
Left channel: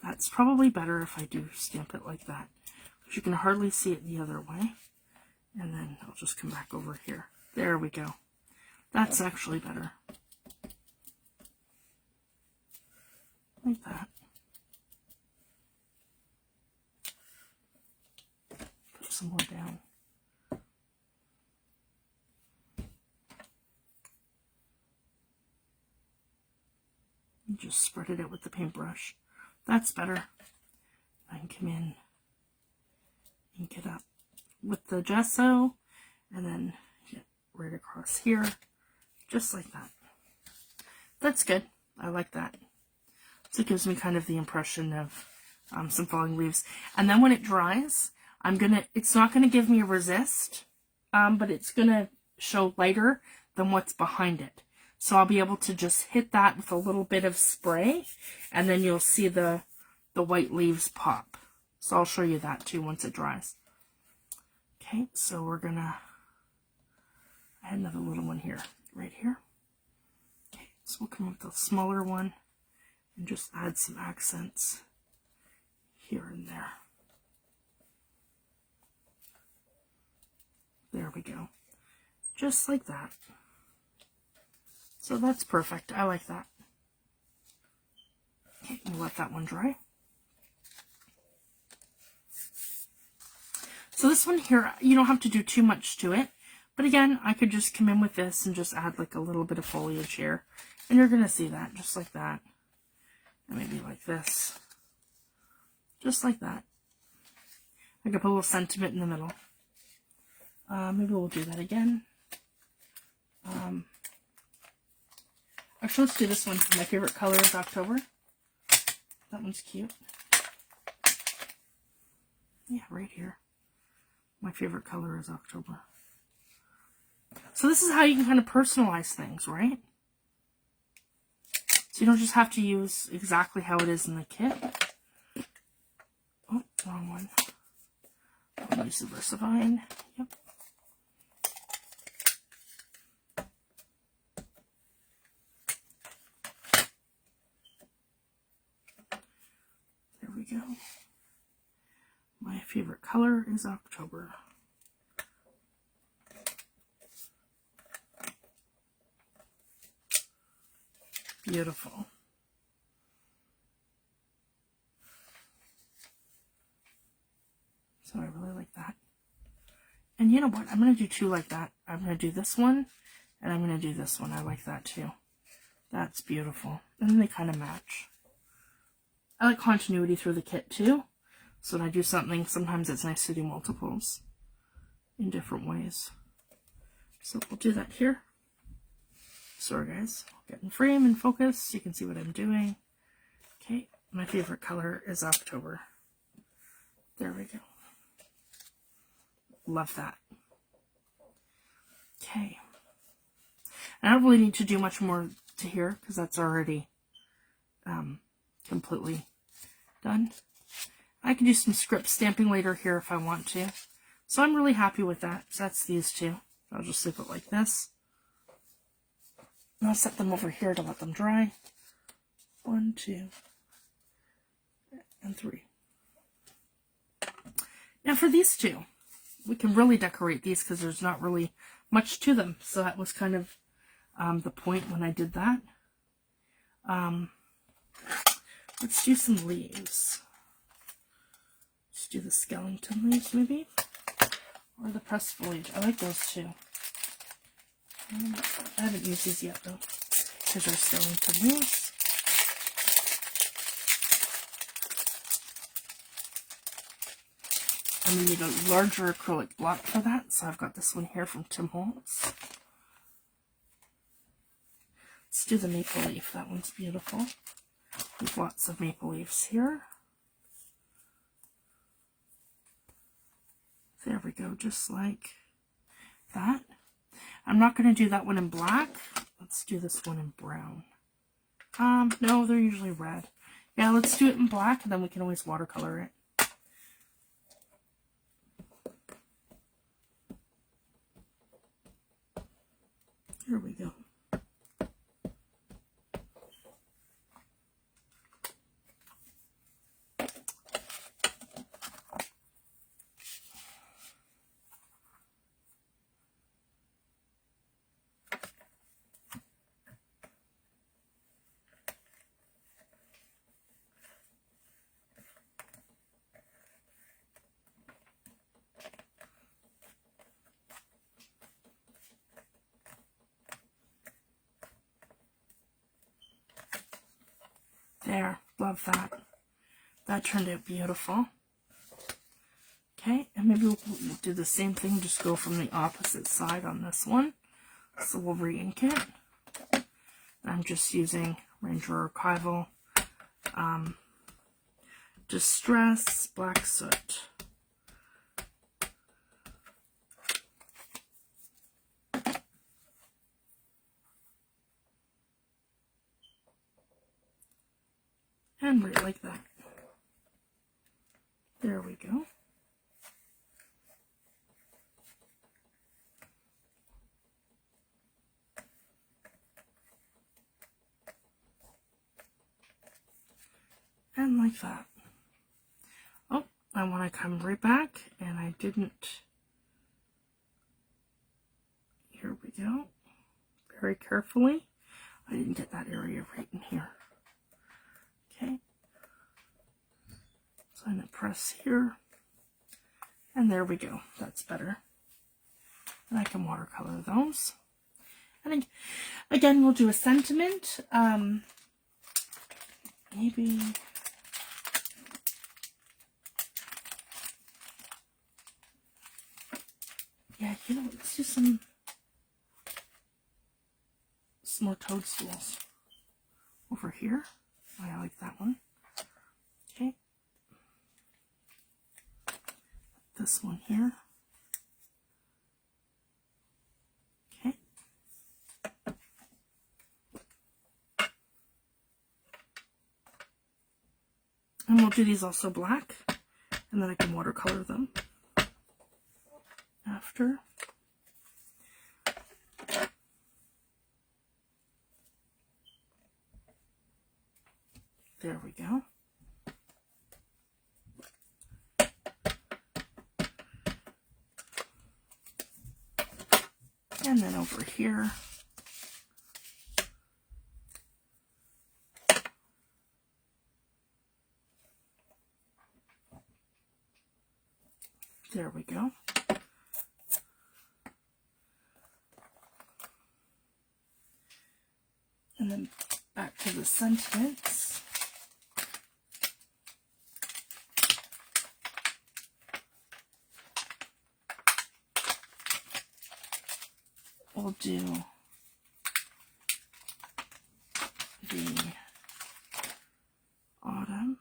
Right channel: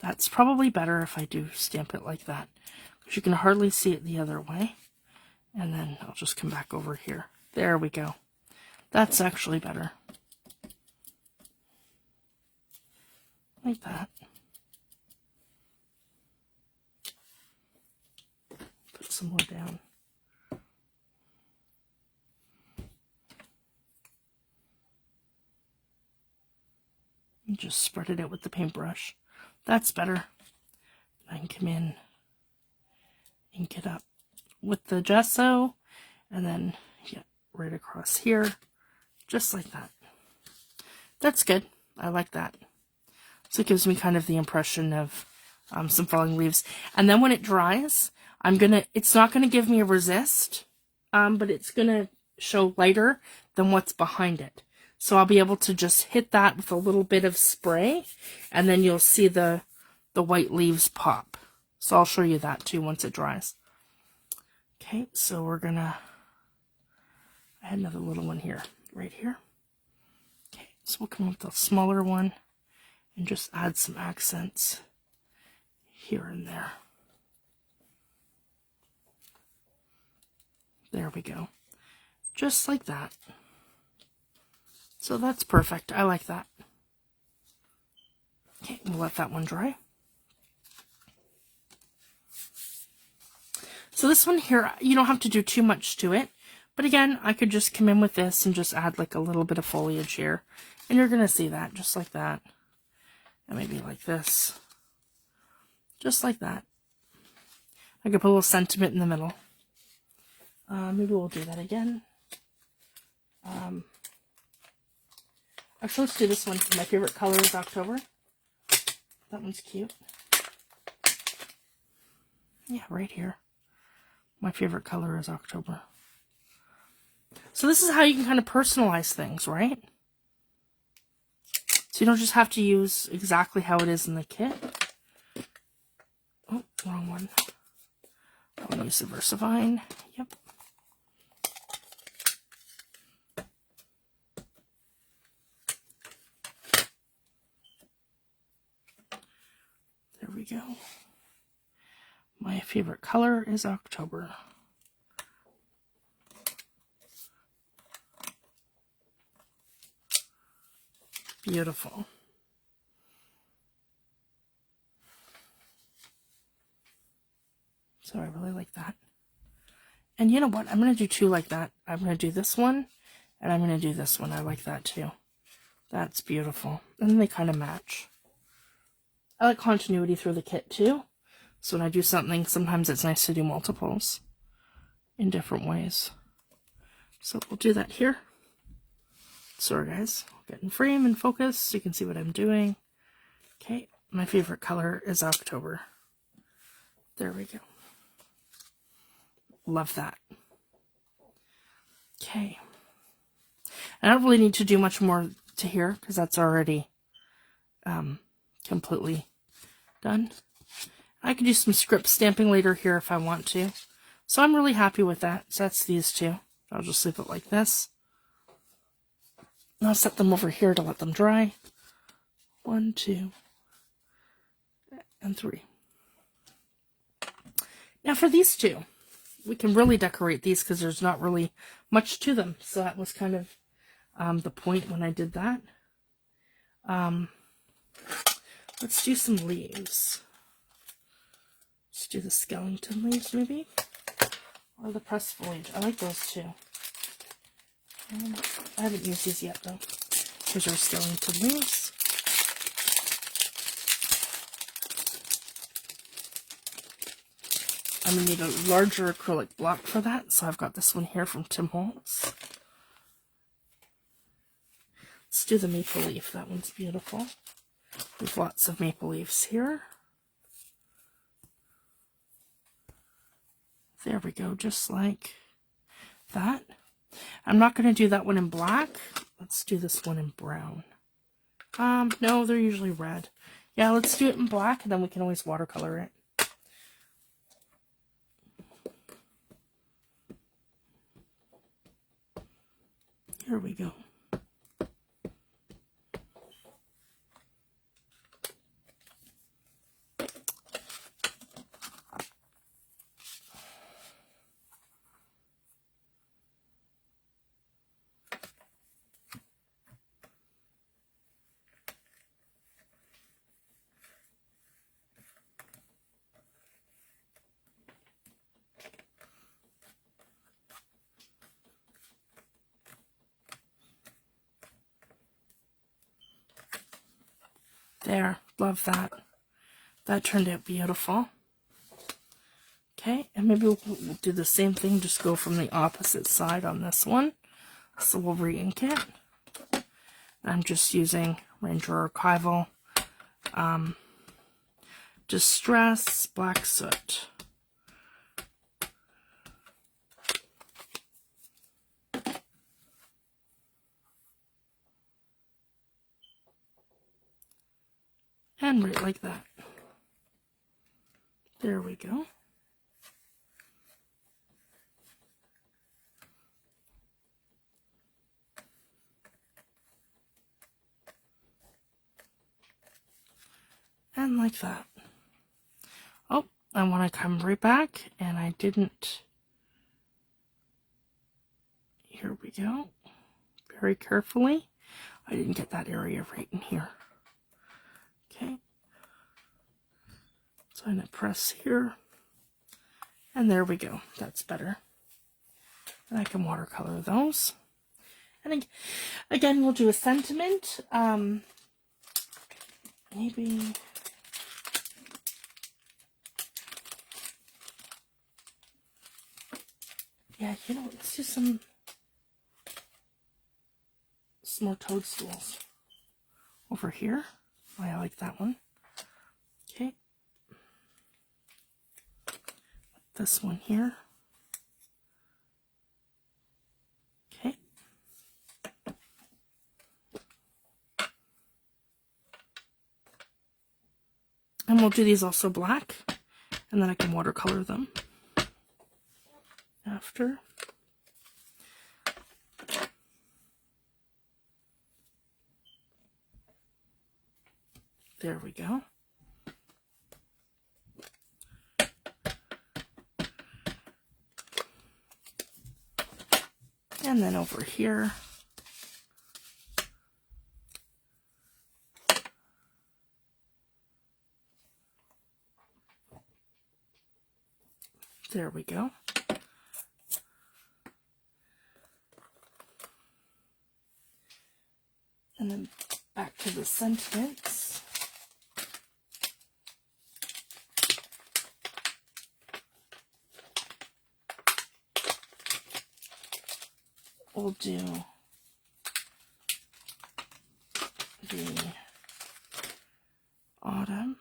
That's probably better if I do stamp it like that, because you can hardly see it the other way. And then I'll just come back over here. There we go. That's actually better. Like that. Put some more down. And just spread it out with the paintbrush. That's better. I can come in, ink it up with the gesso, and then get right across here, just like that. That's good. I like that. So it gives me kind of the impression of some falling leaves. And then when it dries, it's not gonna give me a resist, but it's gonna show lighter than what's behind it. So I'll be able to just hit that with a little bit of spray, and then you'll see the white leaves pop. So I'll show you that too once it dries. Okay, so we're gonna, I had another little one here, right here. Okay, so we'll come with the smaller one and just add some accents here and there. There we go. Just like that. So that's perfect. I like that. Okay, we'll let that one dry. So this one here, you don't have to do too much to it. But again, I could just come in with this and just add like a little bit of foliage here. And you're going to see that, just like that. And maybe like this. Just like that. I could put a little sentiment in the middle. Maybe we'll do that again. Actually, let's do this one. My favorite color is October. That one's cute. Yeah, right here. My favorite color is October. So this is how you can kind of personalize things, right? So you don't just have to use exactly how it is in the kit. Oh, wrong one. I'll use the VersaVine. Yep. There we go. My favorite color is October. Beautiful. So I really like that. And you know what? I'm going to do two like that. I'm going to do this one, and I'm going to do this one. I like that too. That's beautiful. And then they kind of match. I like continuity through the kit too. So when I do something, sometimes it's nice to do multiples in different ways. So we'll do that here. Sorry guys, I'll get in frame and focus so you can see what I'm doing. Okay, my favorite color is October. There we go. Love that. Okay. I don't really need to do much more to here because that's already completely done. I could do some script stamping later here if I want to. So I'm really happy with that. So that's these two. I'll just leave it like this. And I'll set them over here to let them dry. 1, 2, and 3. Now for these two, we can really decorate these because there's not really much to them. So that was kind of the point when I did that. Let's do some leaves. Let's do the skeleton leaves maybe. Or the pressed foliage. I like those too. I haven't used these yet though. Here's our skeleton leaves. I'm going to need a larger acrylic block for that, so I've got this one here from Tim Holtz. Let's do the maple leaf. That one's beautiful. There's lots of maple leaves here. There we go, just like that. I'm not going to do that one in black. Let's do this one in brown. No, they're usually red. Yeah, let's do it in black, and then we can always watercolor it. Here we go. There, love that. That turned out beautiful. Okay, and maybe we'll do the same thing, just go from the opposite side on this one. So we'll re-ink it. I'm just using Ranger Archival Distress Black Soot. And right like that. There we go. And like that. Oh, I want to come right back, and I didn't. Here we go. Very carefully. I didn't get that area right in here. Okay. So I'm going to press here. And there we go. That's better. And I can watercolor those. And again, we'll do a sentiment. Maybe... Yeah, you know, let's do some more toadstools over here. Oh, I like that one. Okay. This one here. Okay. And we'll do these also black, and then I can watercolor them after. There we go. And then over here. There we go. And then back to the sentiments. We'll do the autumn.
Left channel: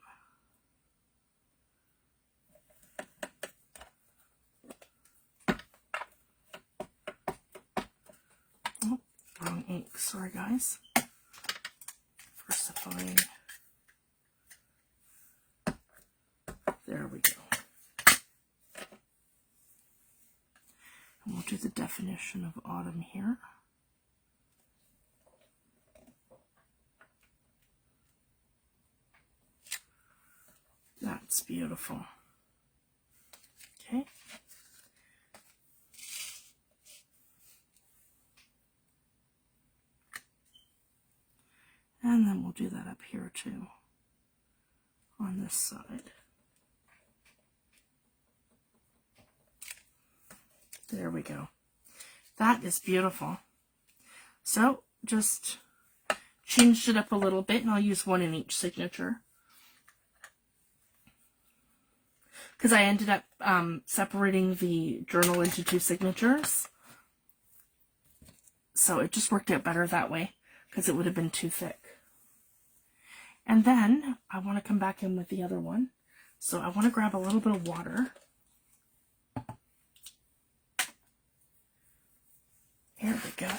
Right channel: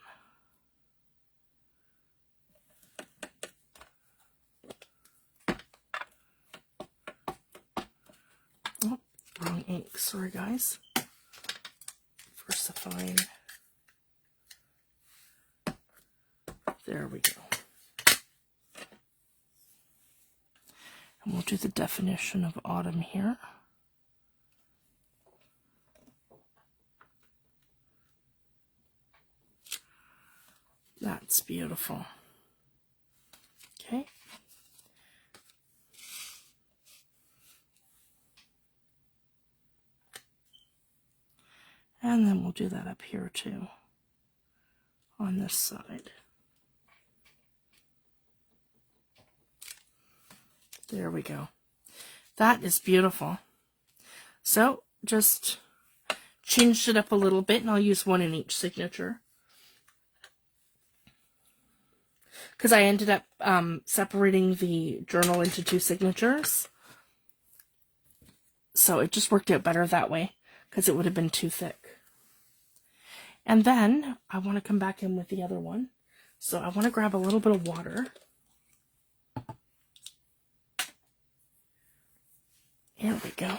Oh, wrong ink, sorry guys. Versifying. There we go. And we'll do the definition of autumn here. That's beautiful. Okay. And then we'll do that up here too, on this side. There we go. That is beautiful. So just changed it up a little bit, and I'll use one in each signature. Because I ended up separating the journal into 2 signatures. So it just worked out better that way. because it would have been too thick. And then I want to come back in with the other one. So I want to grab a little bit of water. Here we go.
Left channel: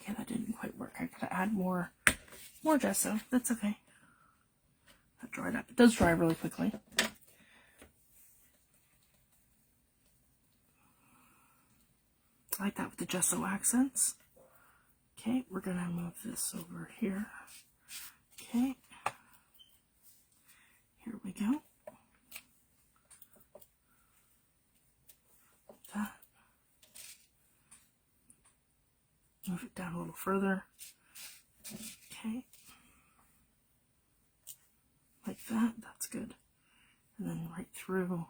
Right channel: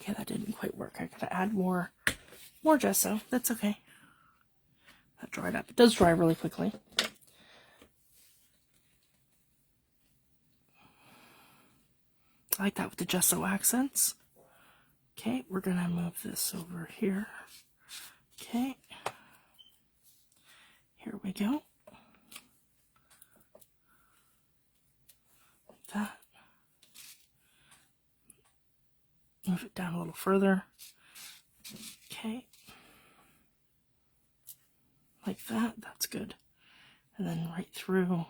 Okay, that didn't quite work. I gotta add more gesso. That's okay. That dried up. It does dry really quickly. I like that with the gesso accents. Okay, we're gonna move this over here. Okay. Here we go. Like that. Move it down a little further. Okay. Like that. That's good. And then right through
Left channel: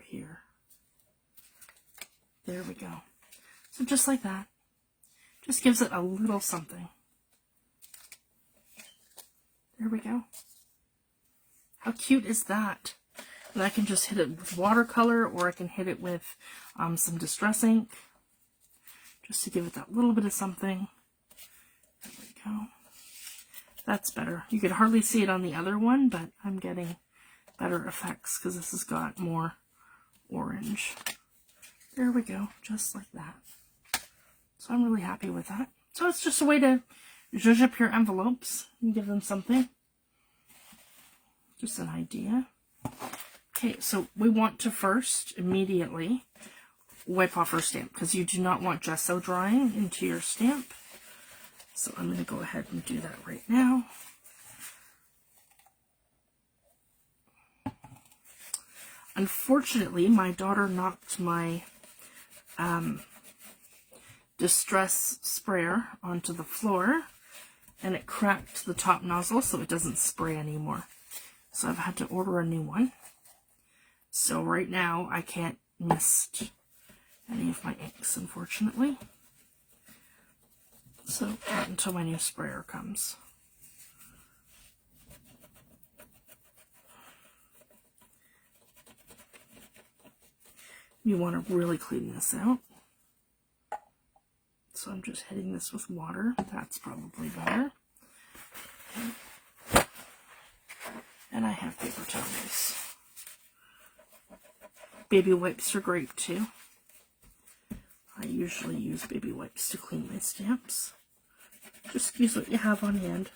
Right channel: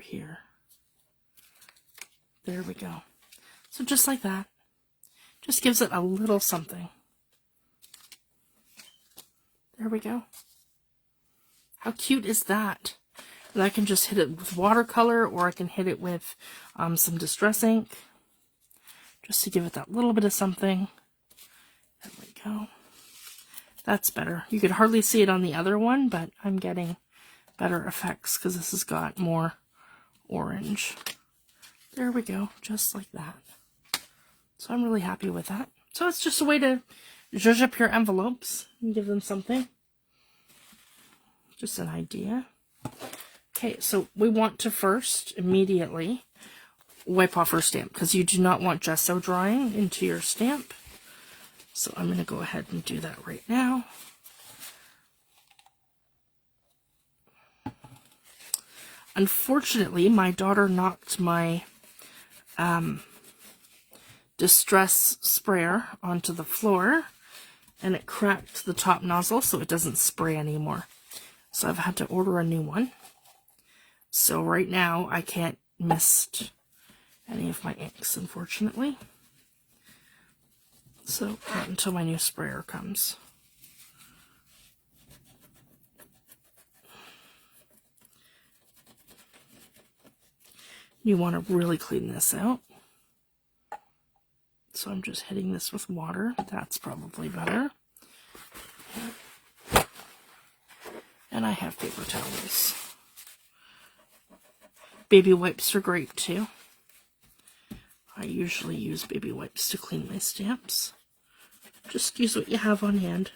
here. There we go. So just like that. Just gives it a little something. There we go. How cute is that? And I can just hit it with watercolor, or I can hit it with some distress ink, just to give it that little bit of something. There we go. That's better. You could hardly see it on the other one, but I'm getting better effects because this has got more orange. There we go, just like that. So I'm really happy with that. So it's just a way to zhuzh up your envelopes and give them something. Just an idea. Okay, so we want to first immediately wipe off our stamp because you do not want gesso drying into your stamp. So I'm going to go ahead and do that right now. Unfortunately, my daughter knocked my distress sprayer onto the floor, and it cracked the top nozzle so it doesn't spray anymore. So I've had to order a new one. So right now I can't mist any of my inks, unfortunately. So not until my new sprayer comes. You want to really clean this out. So I'm just hitting this with water. That's probably better. And I have paper towels. Baby wipes are great too. I usually use baby wipes to clean my stamps. Just use what you have on hand.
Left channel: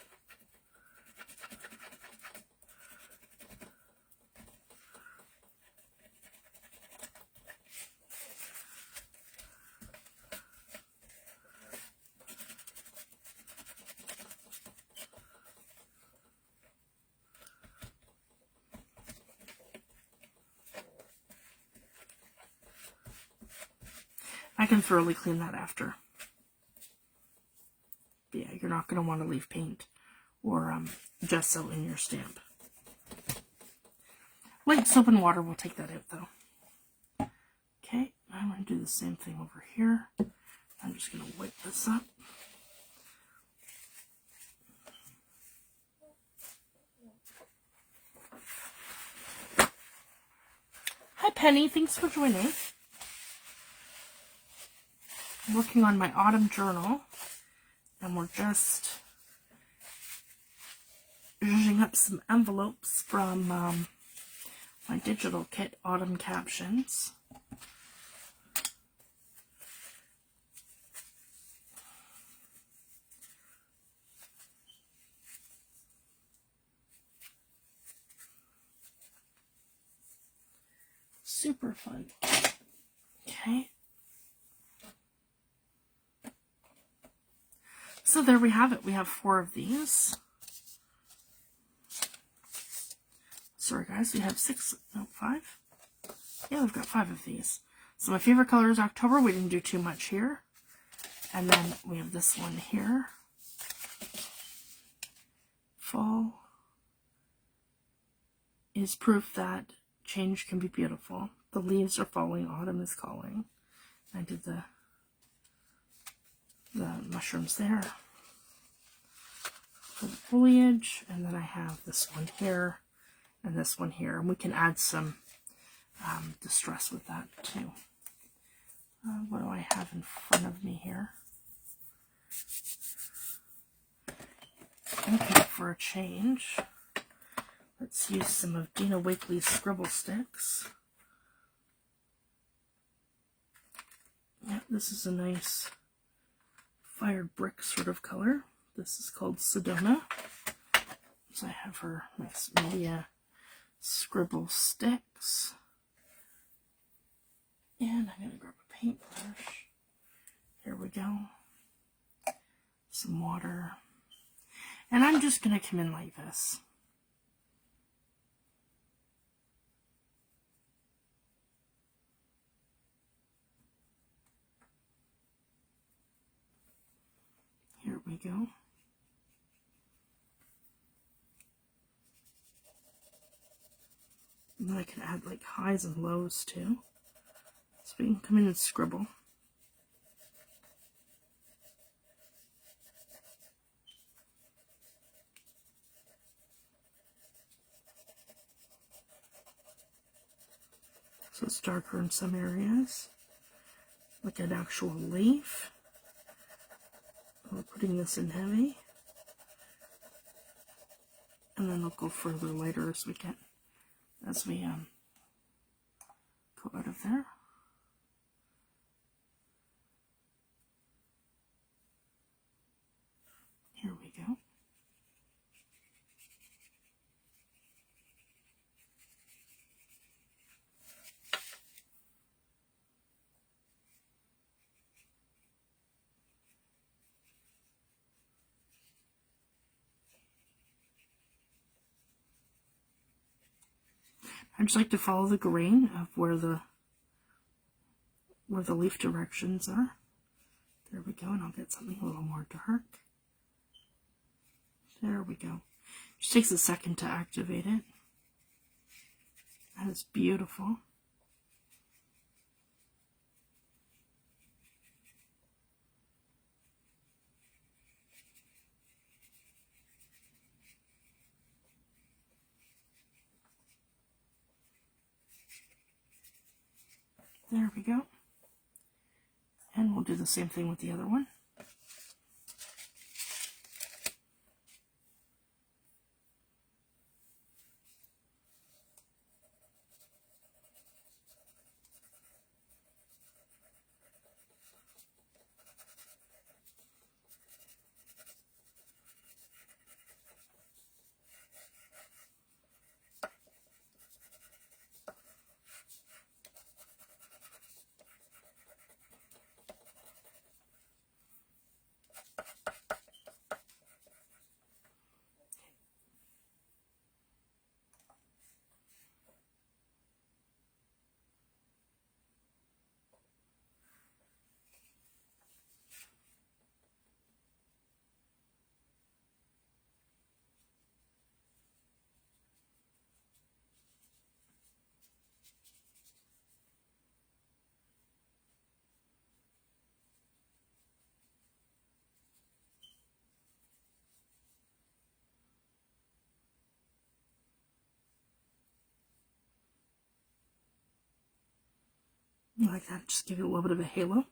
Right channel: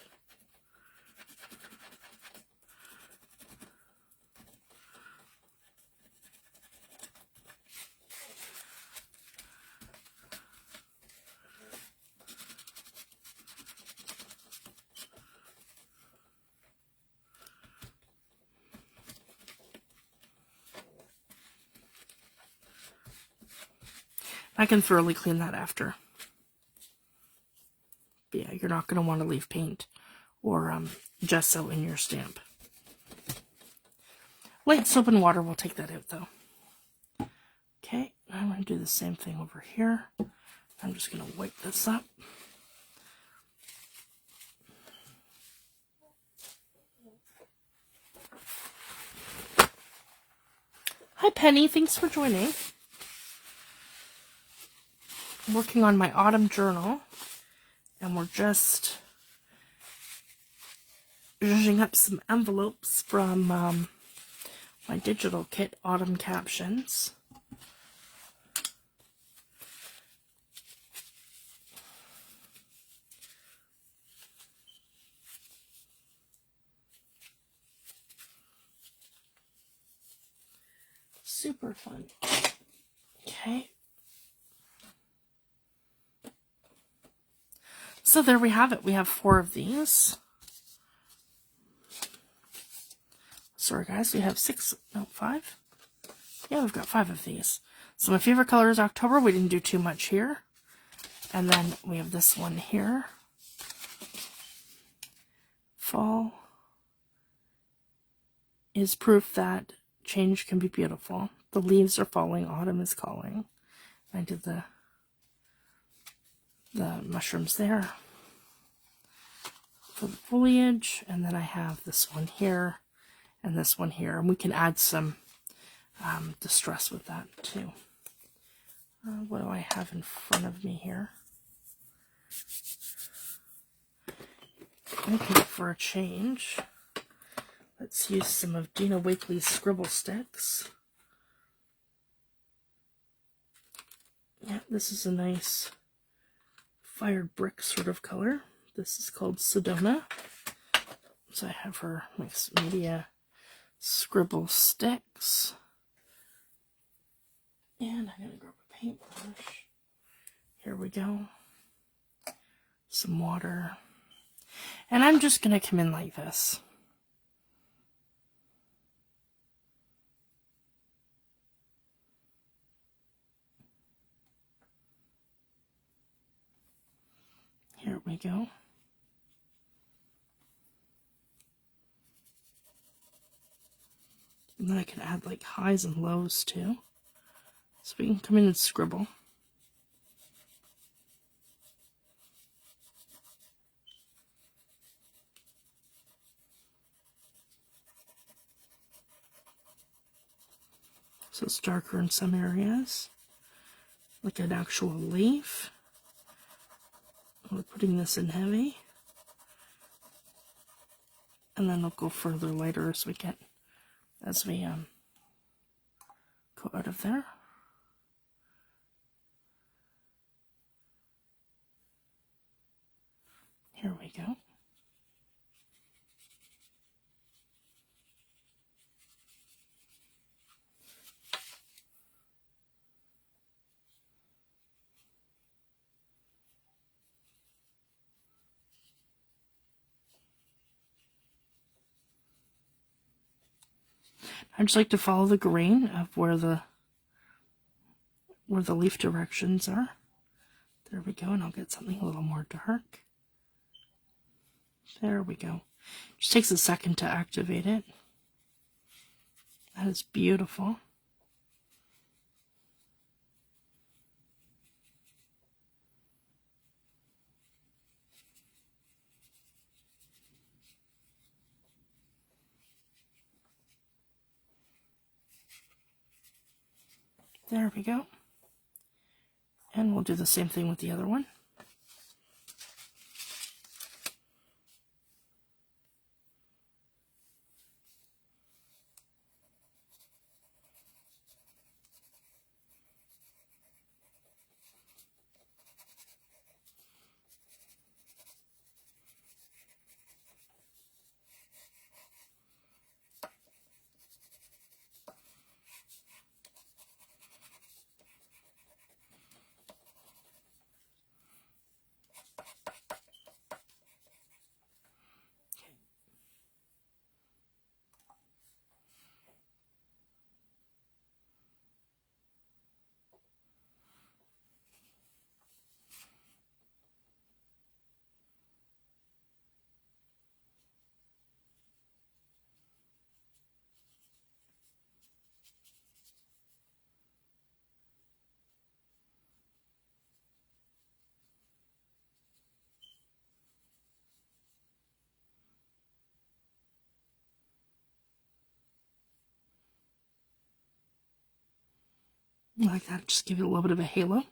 I can thoroughly clean that after. But yeah, you're not going to want to leave paint or gesso in your stamp. Light soap and water will take that out though. Okay, I'm going to do the same thing over here. I'm just going to wipe this up. Hi Penny, thanks for joining. I'm working on my autumn journal, and we're just zhuzhing up some envelopes from my digital kit, Autumn Captions. Super fun. Okay. So there we have it. We have 4 of these. Sorry guys, we have 5. Yeah, we've got 5 of these. So my favorite color is October. We didn't do too much here. And then we have this one here. Fall. is proof that change can be beautiful. The leaves are falling, autumn is calling. I did the mushrooms there for the foliage, and then I have this one here and this one here, and we can add some distress with that too. What do I have in front of me here? Okay, for a change, let's use some of Dina Wakley's scribble sticks. Yeah, this is a nice fired brick sort of color. This is called Sedona. So I have her mixed media scribble sticks. And I'm going to grab a paintbrush. Here we go. Some water. And I'm just going to come in like this. Here we go. And then I can add like highs and lows too. So we can come in and scribble. So it's darker in some areas, like an actual leaf. We're putting this in heavy. And then it'll go further later as we go out of there. Here we go. I just like to follow the grain of where the leaf directions are. There we go, and I'll get something a little more dark. There we go. Just takes a second to activate it. That is beautiful. There we go. And we'll do the same thing with the other one. Like that, just give it a little bit of a halo.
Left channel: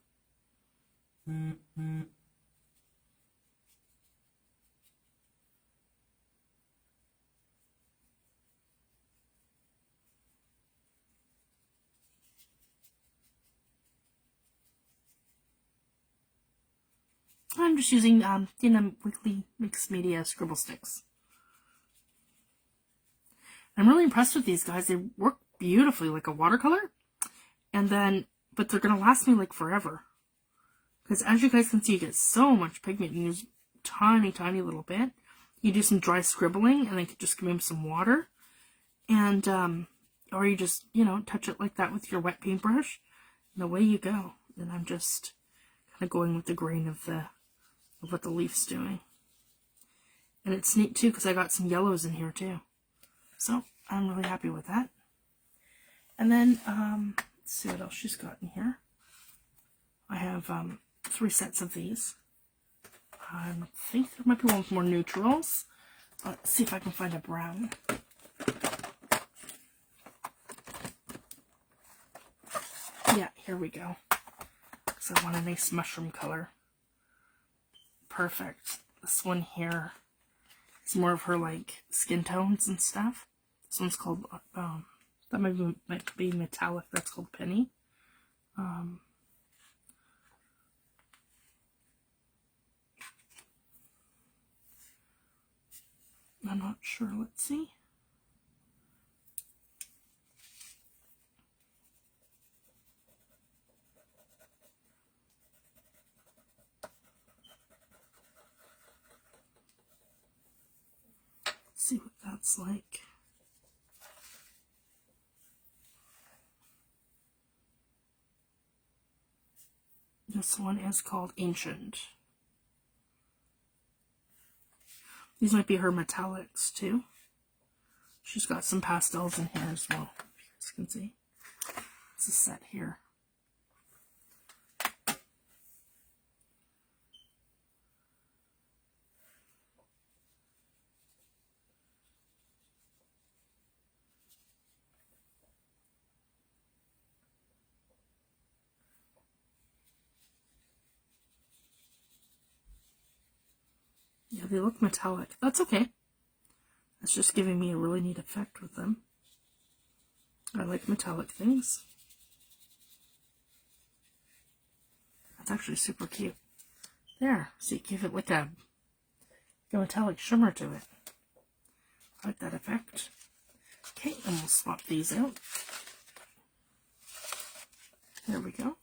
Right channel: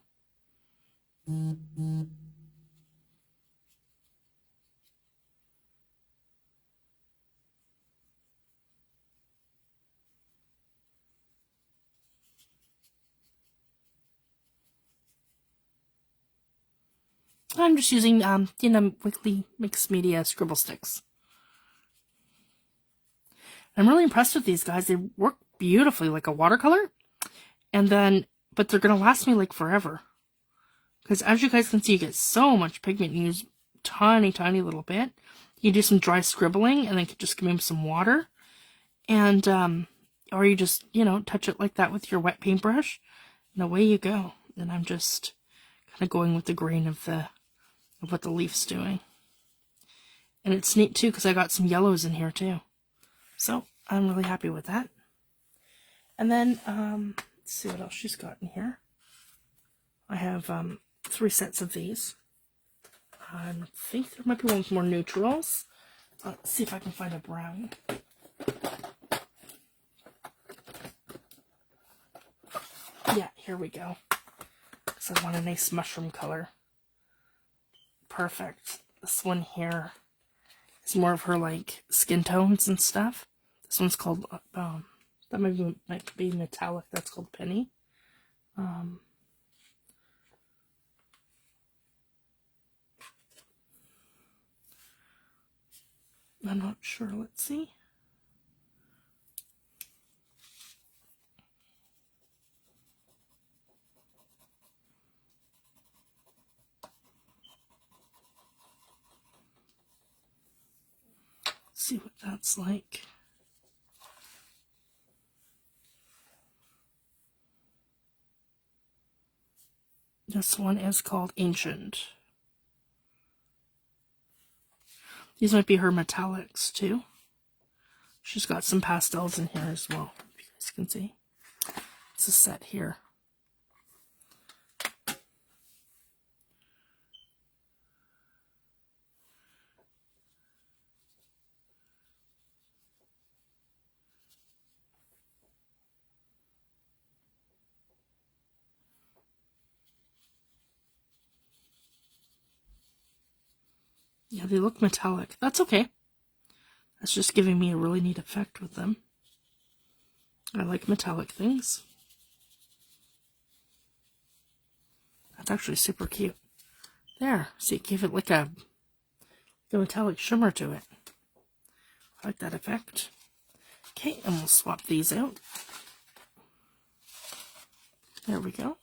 I'm just using Dina Wakley mixed media scribble sticks. I'm really impressed with these guys. They work beautifully like a watercolor. And then, but they're going to last me like forever. Because as you guys can see, you get so much pigment. You use tiny, tiny little bit. You do some dry scribbling and then just give them some water. And, or you just, you know, touch it like that with your wet paintbrush. And away you go. And I'm just kind of going with the grain of what the leaf's doing. And it's neat too because I got some yellows in here too. So I'm really happy with that. And then, let's see what else she's got in here. I have 3 sets of these. I think there might be one with more neutrals. Let's see if I can find a brown. Yeah, here we go. So I want a nice mushroom color. Perfect. This one here is more of her like skin tones and stuff. This one's called, that might be metallic. That's called Penny. I'm not sure. Let's see. See what that's like. This one is called Ancient. These might be her metallics too. She's got some pastels in here as well, if you guys can see. It's a set here. Yeah, they look metallic. That's okay. That's just giving me a really neat effect with them. I like metallic things. That's actually super cute. There, see, it gave it like a metallic shimmer to it. I like that effect. Okay, and we'll swap these out. There we go.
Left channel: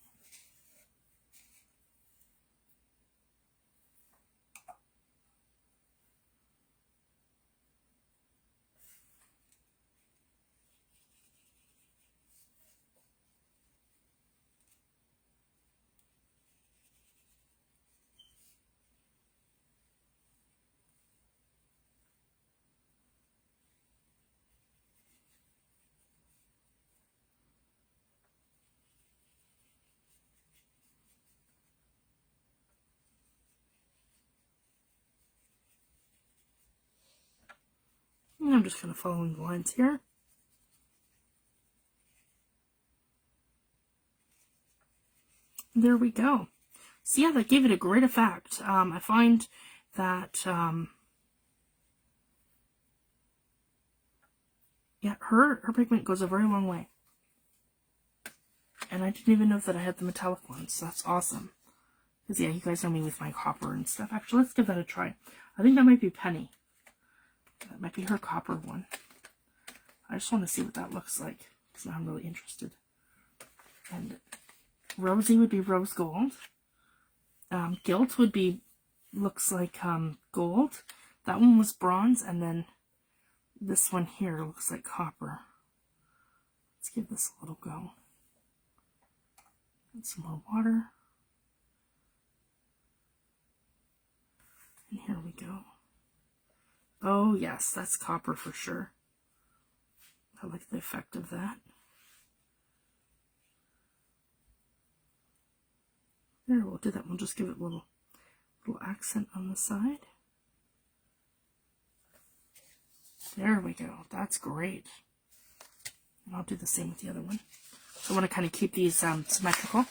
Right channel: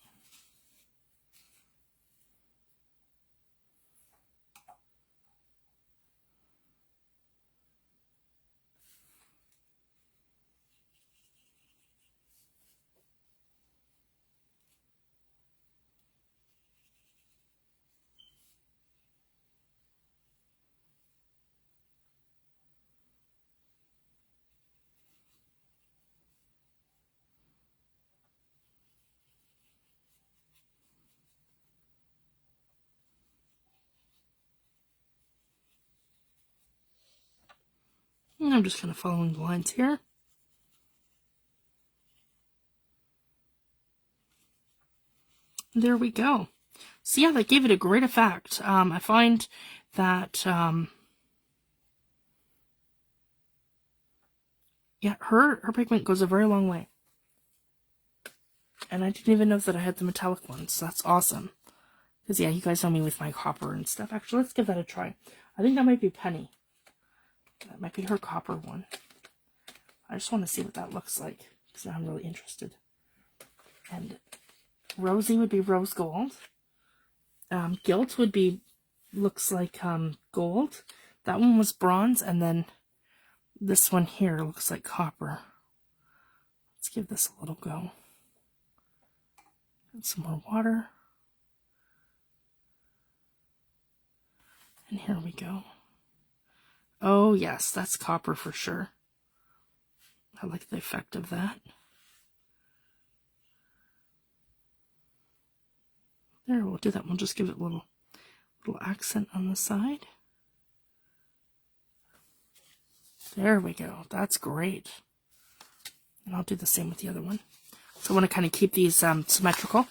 And I'm just kind of following the lines here. There we go. So yeah, that gave it a great effect. I find that, yeah, her pigment goes a very long way. And I didn't even know that I had the metallic ones, so that's awesome. Because yeah, you guys know me with my copper and stuff. Actually, let's give that a try. I think that might be Penny. That might be her copper one. I just want to see what that looks like, because I'm really interested. And Rosy would be rose gold. Gilt would be, looks like gold. That one was bronze, and then this one here looks like copper. Let's give this a little go. And some more water. And here we go. Oh yes, that's copper for sure. I like the effect of that. There, we'll do that. We'll just give it a little accent on the side. There we go. That's great. And I'll do the same with the other one. So I want to kind of keep these symmetrical.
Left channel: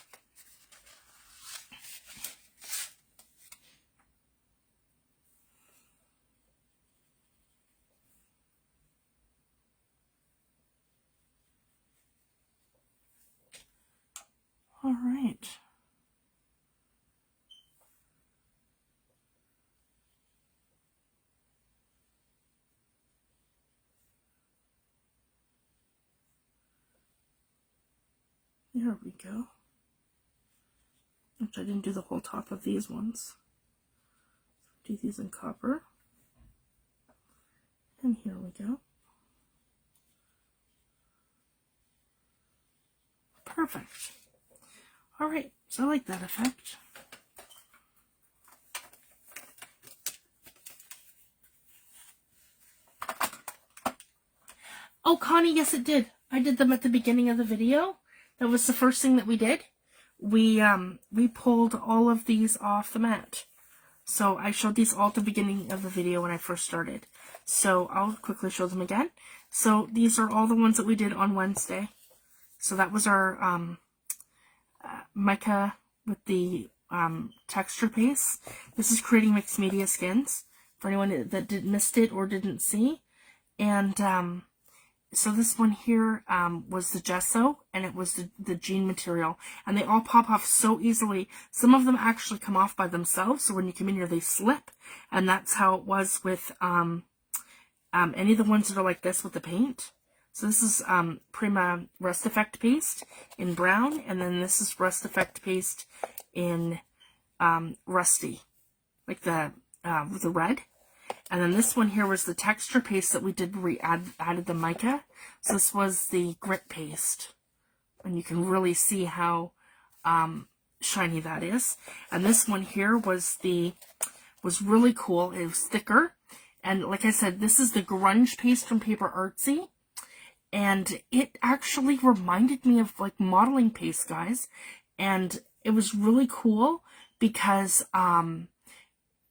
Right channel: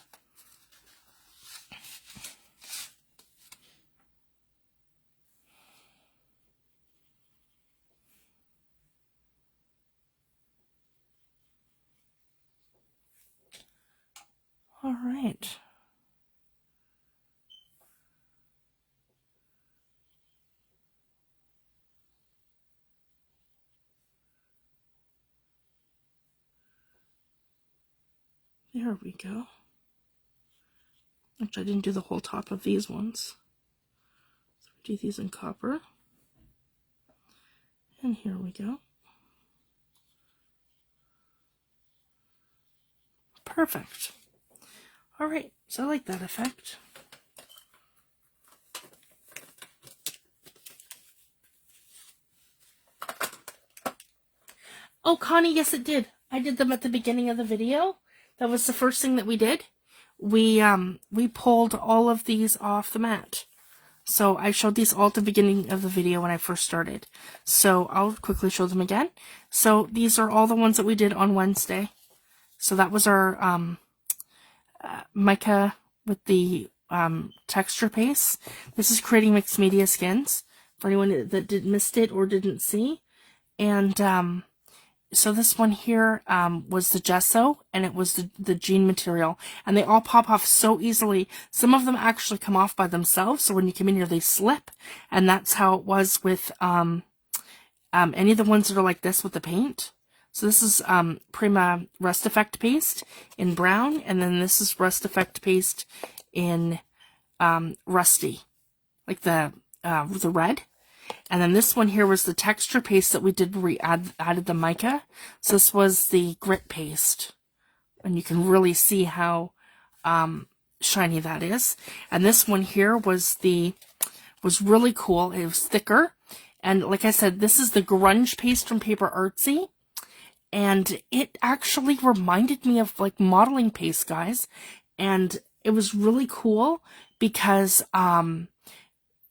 All right. There we go. Actually, I didn't do the whole top of these ones. So do these in copper. And here we go. Perfect. All right, so I like that effect. Oh, Connie, yes it did. I did them at the beginning of the video. That was the first thing that we did. We pulled all of these off the mat. So I showed these all at the beginning of the video when I first started. So I'll quickly show them again. So these are all the ones that we did on Wednesday. So that was our mica with the texture paste. This is creating mixed media skins for anyone that missed it or didn't see. And so this one here was the gesso, and it was the jean material, and they all pop off so easily. Some of them actually come off by themselves, so when you come in here they slip, and that's how it was with any of the ones that are like this with the paint. So this is Prima Rust Effect paste in brown, and then this is Rust Effect paste in rusty, like the red. And then this one here was the texture paste that we did where we added the mica. So this was the grit paste, and you can really see how shiny that is. And this one here was really cool. It was thicker, and like I said, this is the grunge paste from Paper Artsy. And it actually reminded me of like modeling paste, guys. And it was really cool because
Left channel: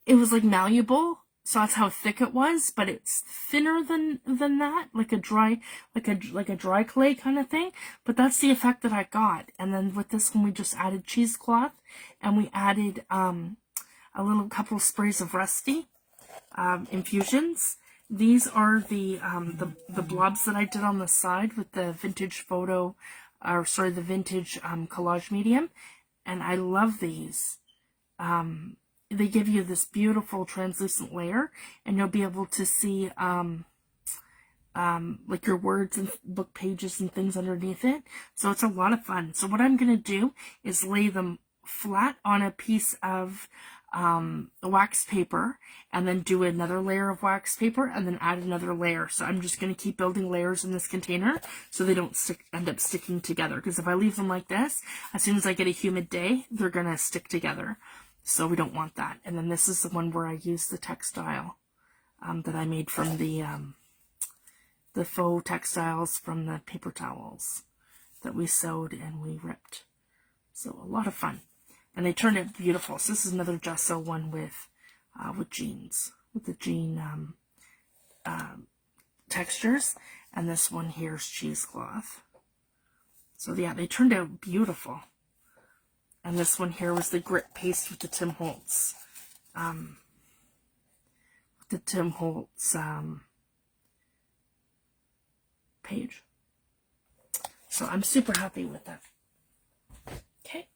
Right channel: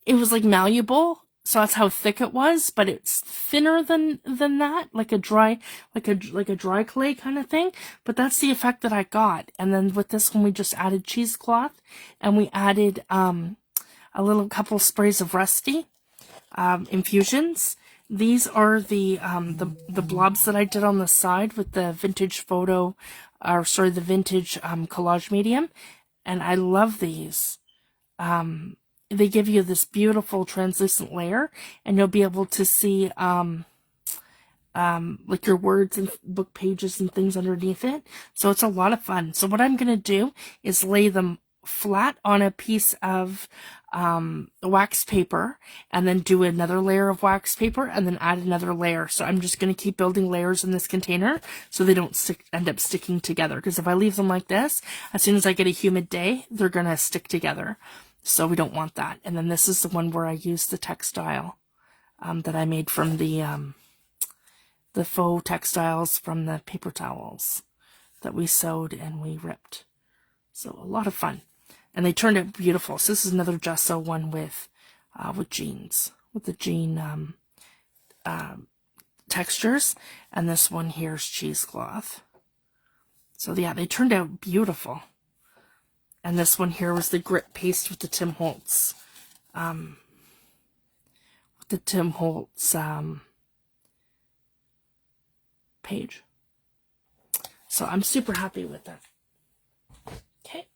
it was like malleable. So that's how thick it was, but it's thinner than that, like a dry clay kind of thing. But that's the effect that I got. And then with this one, we just added cheesecloth, and we added a couple sprays of rusty infusions. These are the blobs that I did on the side with the vintage the vintage collage medium, and I love these. They give you this beautiful translucent layer, and you'll be able to see like your words and book pages and things underneath it. So it's a lot of fun. So what I'm going to do is lay them flat on a piece of wax paper, and then do another layer of wax paper, and then add another layer. So I'm just going to keep building layers in this container so they don't end up sticking together, because if I leave them like this, as soon as I get a humid day, they're going to stick together. So we don't want that. And then this is the one where I used the textile that I made from the faux textiles from the paper towels that we sewed and we ripped. So a lot of fun. And they turned out beautiful. So this is another gesso one with jeans, with the jean textures. And this one here is cheesecloth. So yeah, they turned out beautiful. And this one here was the grit paste with the Tim Holtz, page. So I'm super happy with that. Okay.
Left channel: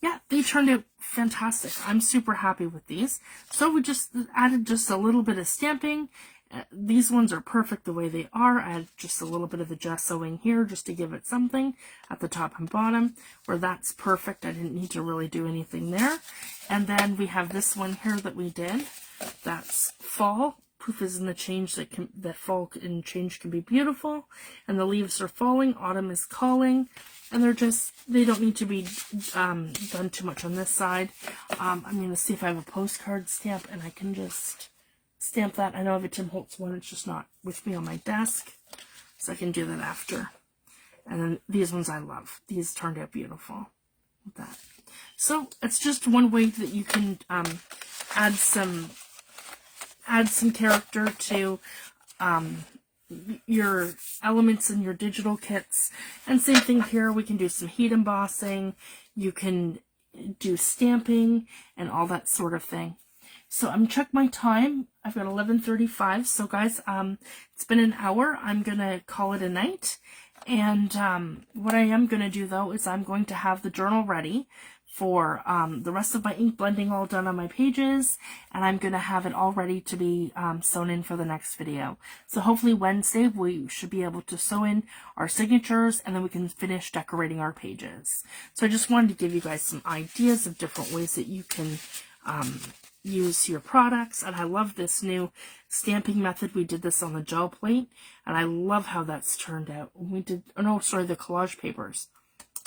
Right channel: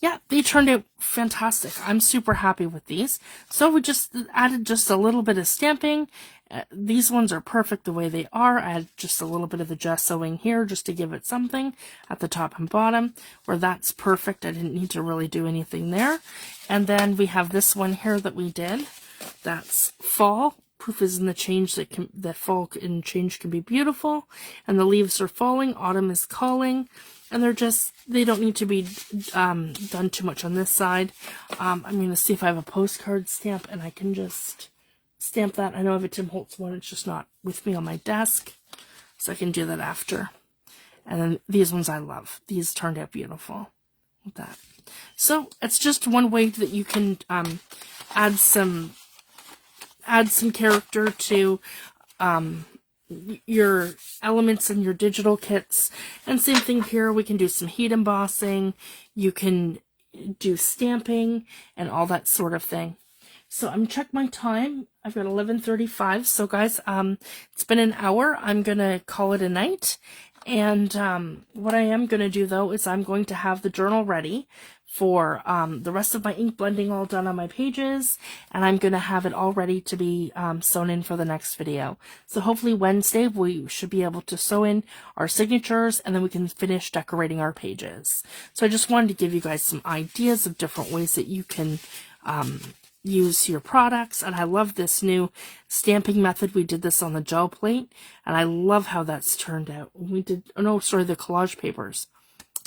Yeah, they turned out fantastic. I'm super happy with these. So we just added just a little bit of stamping. These ones are perfect the way they are. I had just a little bit of the gessoing here just to give it something at the top and bottom, where that's perfect. I didn't need to really do anything there. And then we have this one here that we did. That's fall. Proof is in the change that fall and change can be beautiful. And the leaves are falling. Autumn is calling. And they don't need to be done too much on this side. I'm going to see if I have a postcard stamp, and I can just stamp that. I know I have a Tim Holtz one, it's just not with me on my desk, so I can do that after. And then these ones I love. These turned out beautiful with that. So it's just one way that you can add some character to your elements in your digital kits. And same thing here, we can do some heat embossing, you can do stamping and all that sort of thing. So I'm check my time. I've got 11:35. So guys, it's been an hour. I'm gonna call it a night. And what I am gonna do though is I'm going to have the journal ready for the rest of my ink blending all done on my pages, and I'm gonna have it all ready to be sewn in for the next video. So hopefully Wednesday we should be able to sew in our signatures, and then we can finish decorating our pages. So I just wanted to give you guys some ideas of different ways that you can use your products. And I love this new stamping method. We did this on the gel plate, and I love how that's turned out. We did, oh no, sorry, the collage papers.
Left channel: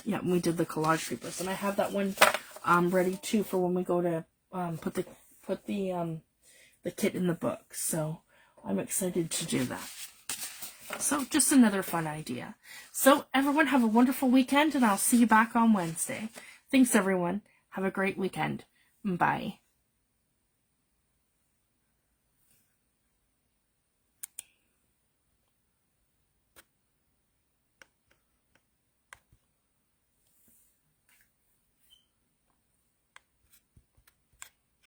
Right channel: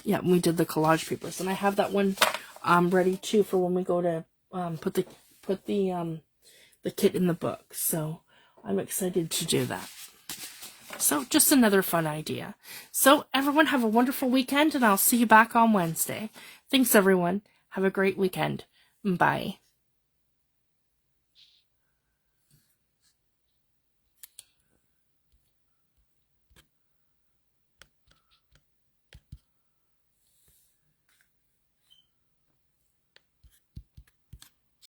Yeah, we did the collage papers, and I have that one ready too for when we go to put the kit in the book. So I'm excited to do that. So just another fun idea. So everyone have a wonderful weekend, and I'll see you back on Wednesday. Thanks, everyone. Have a great weekend. Bye.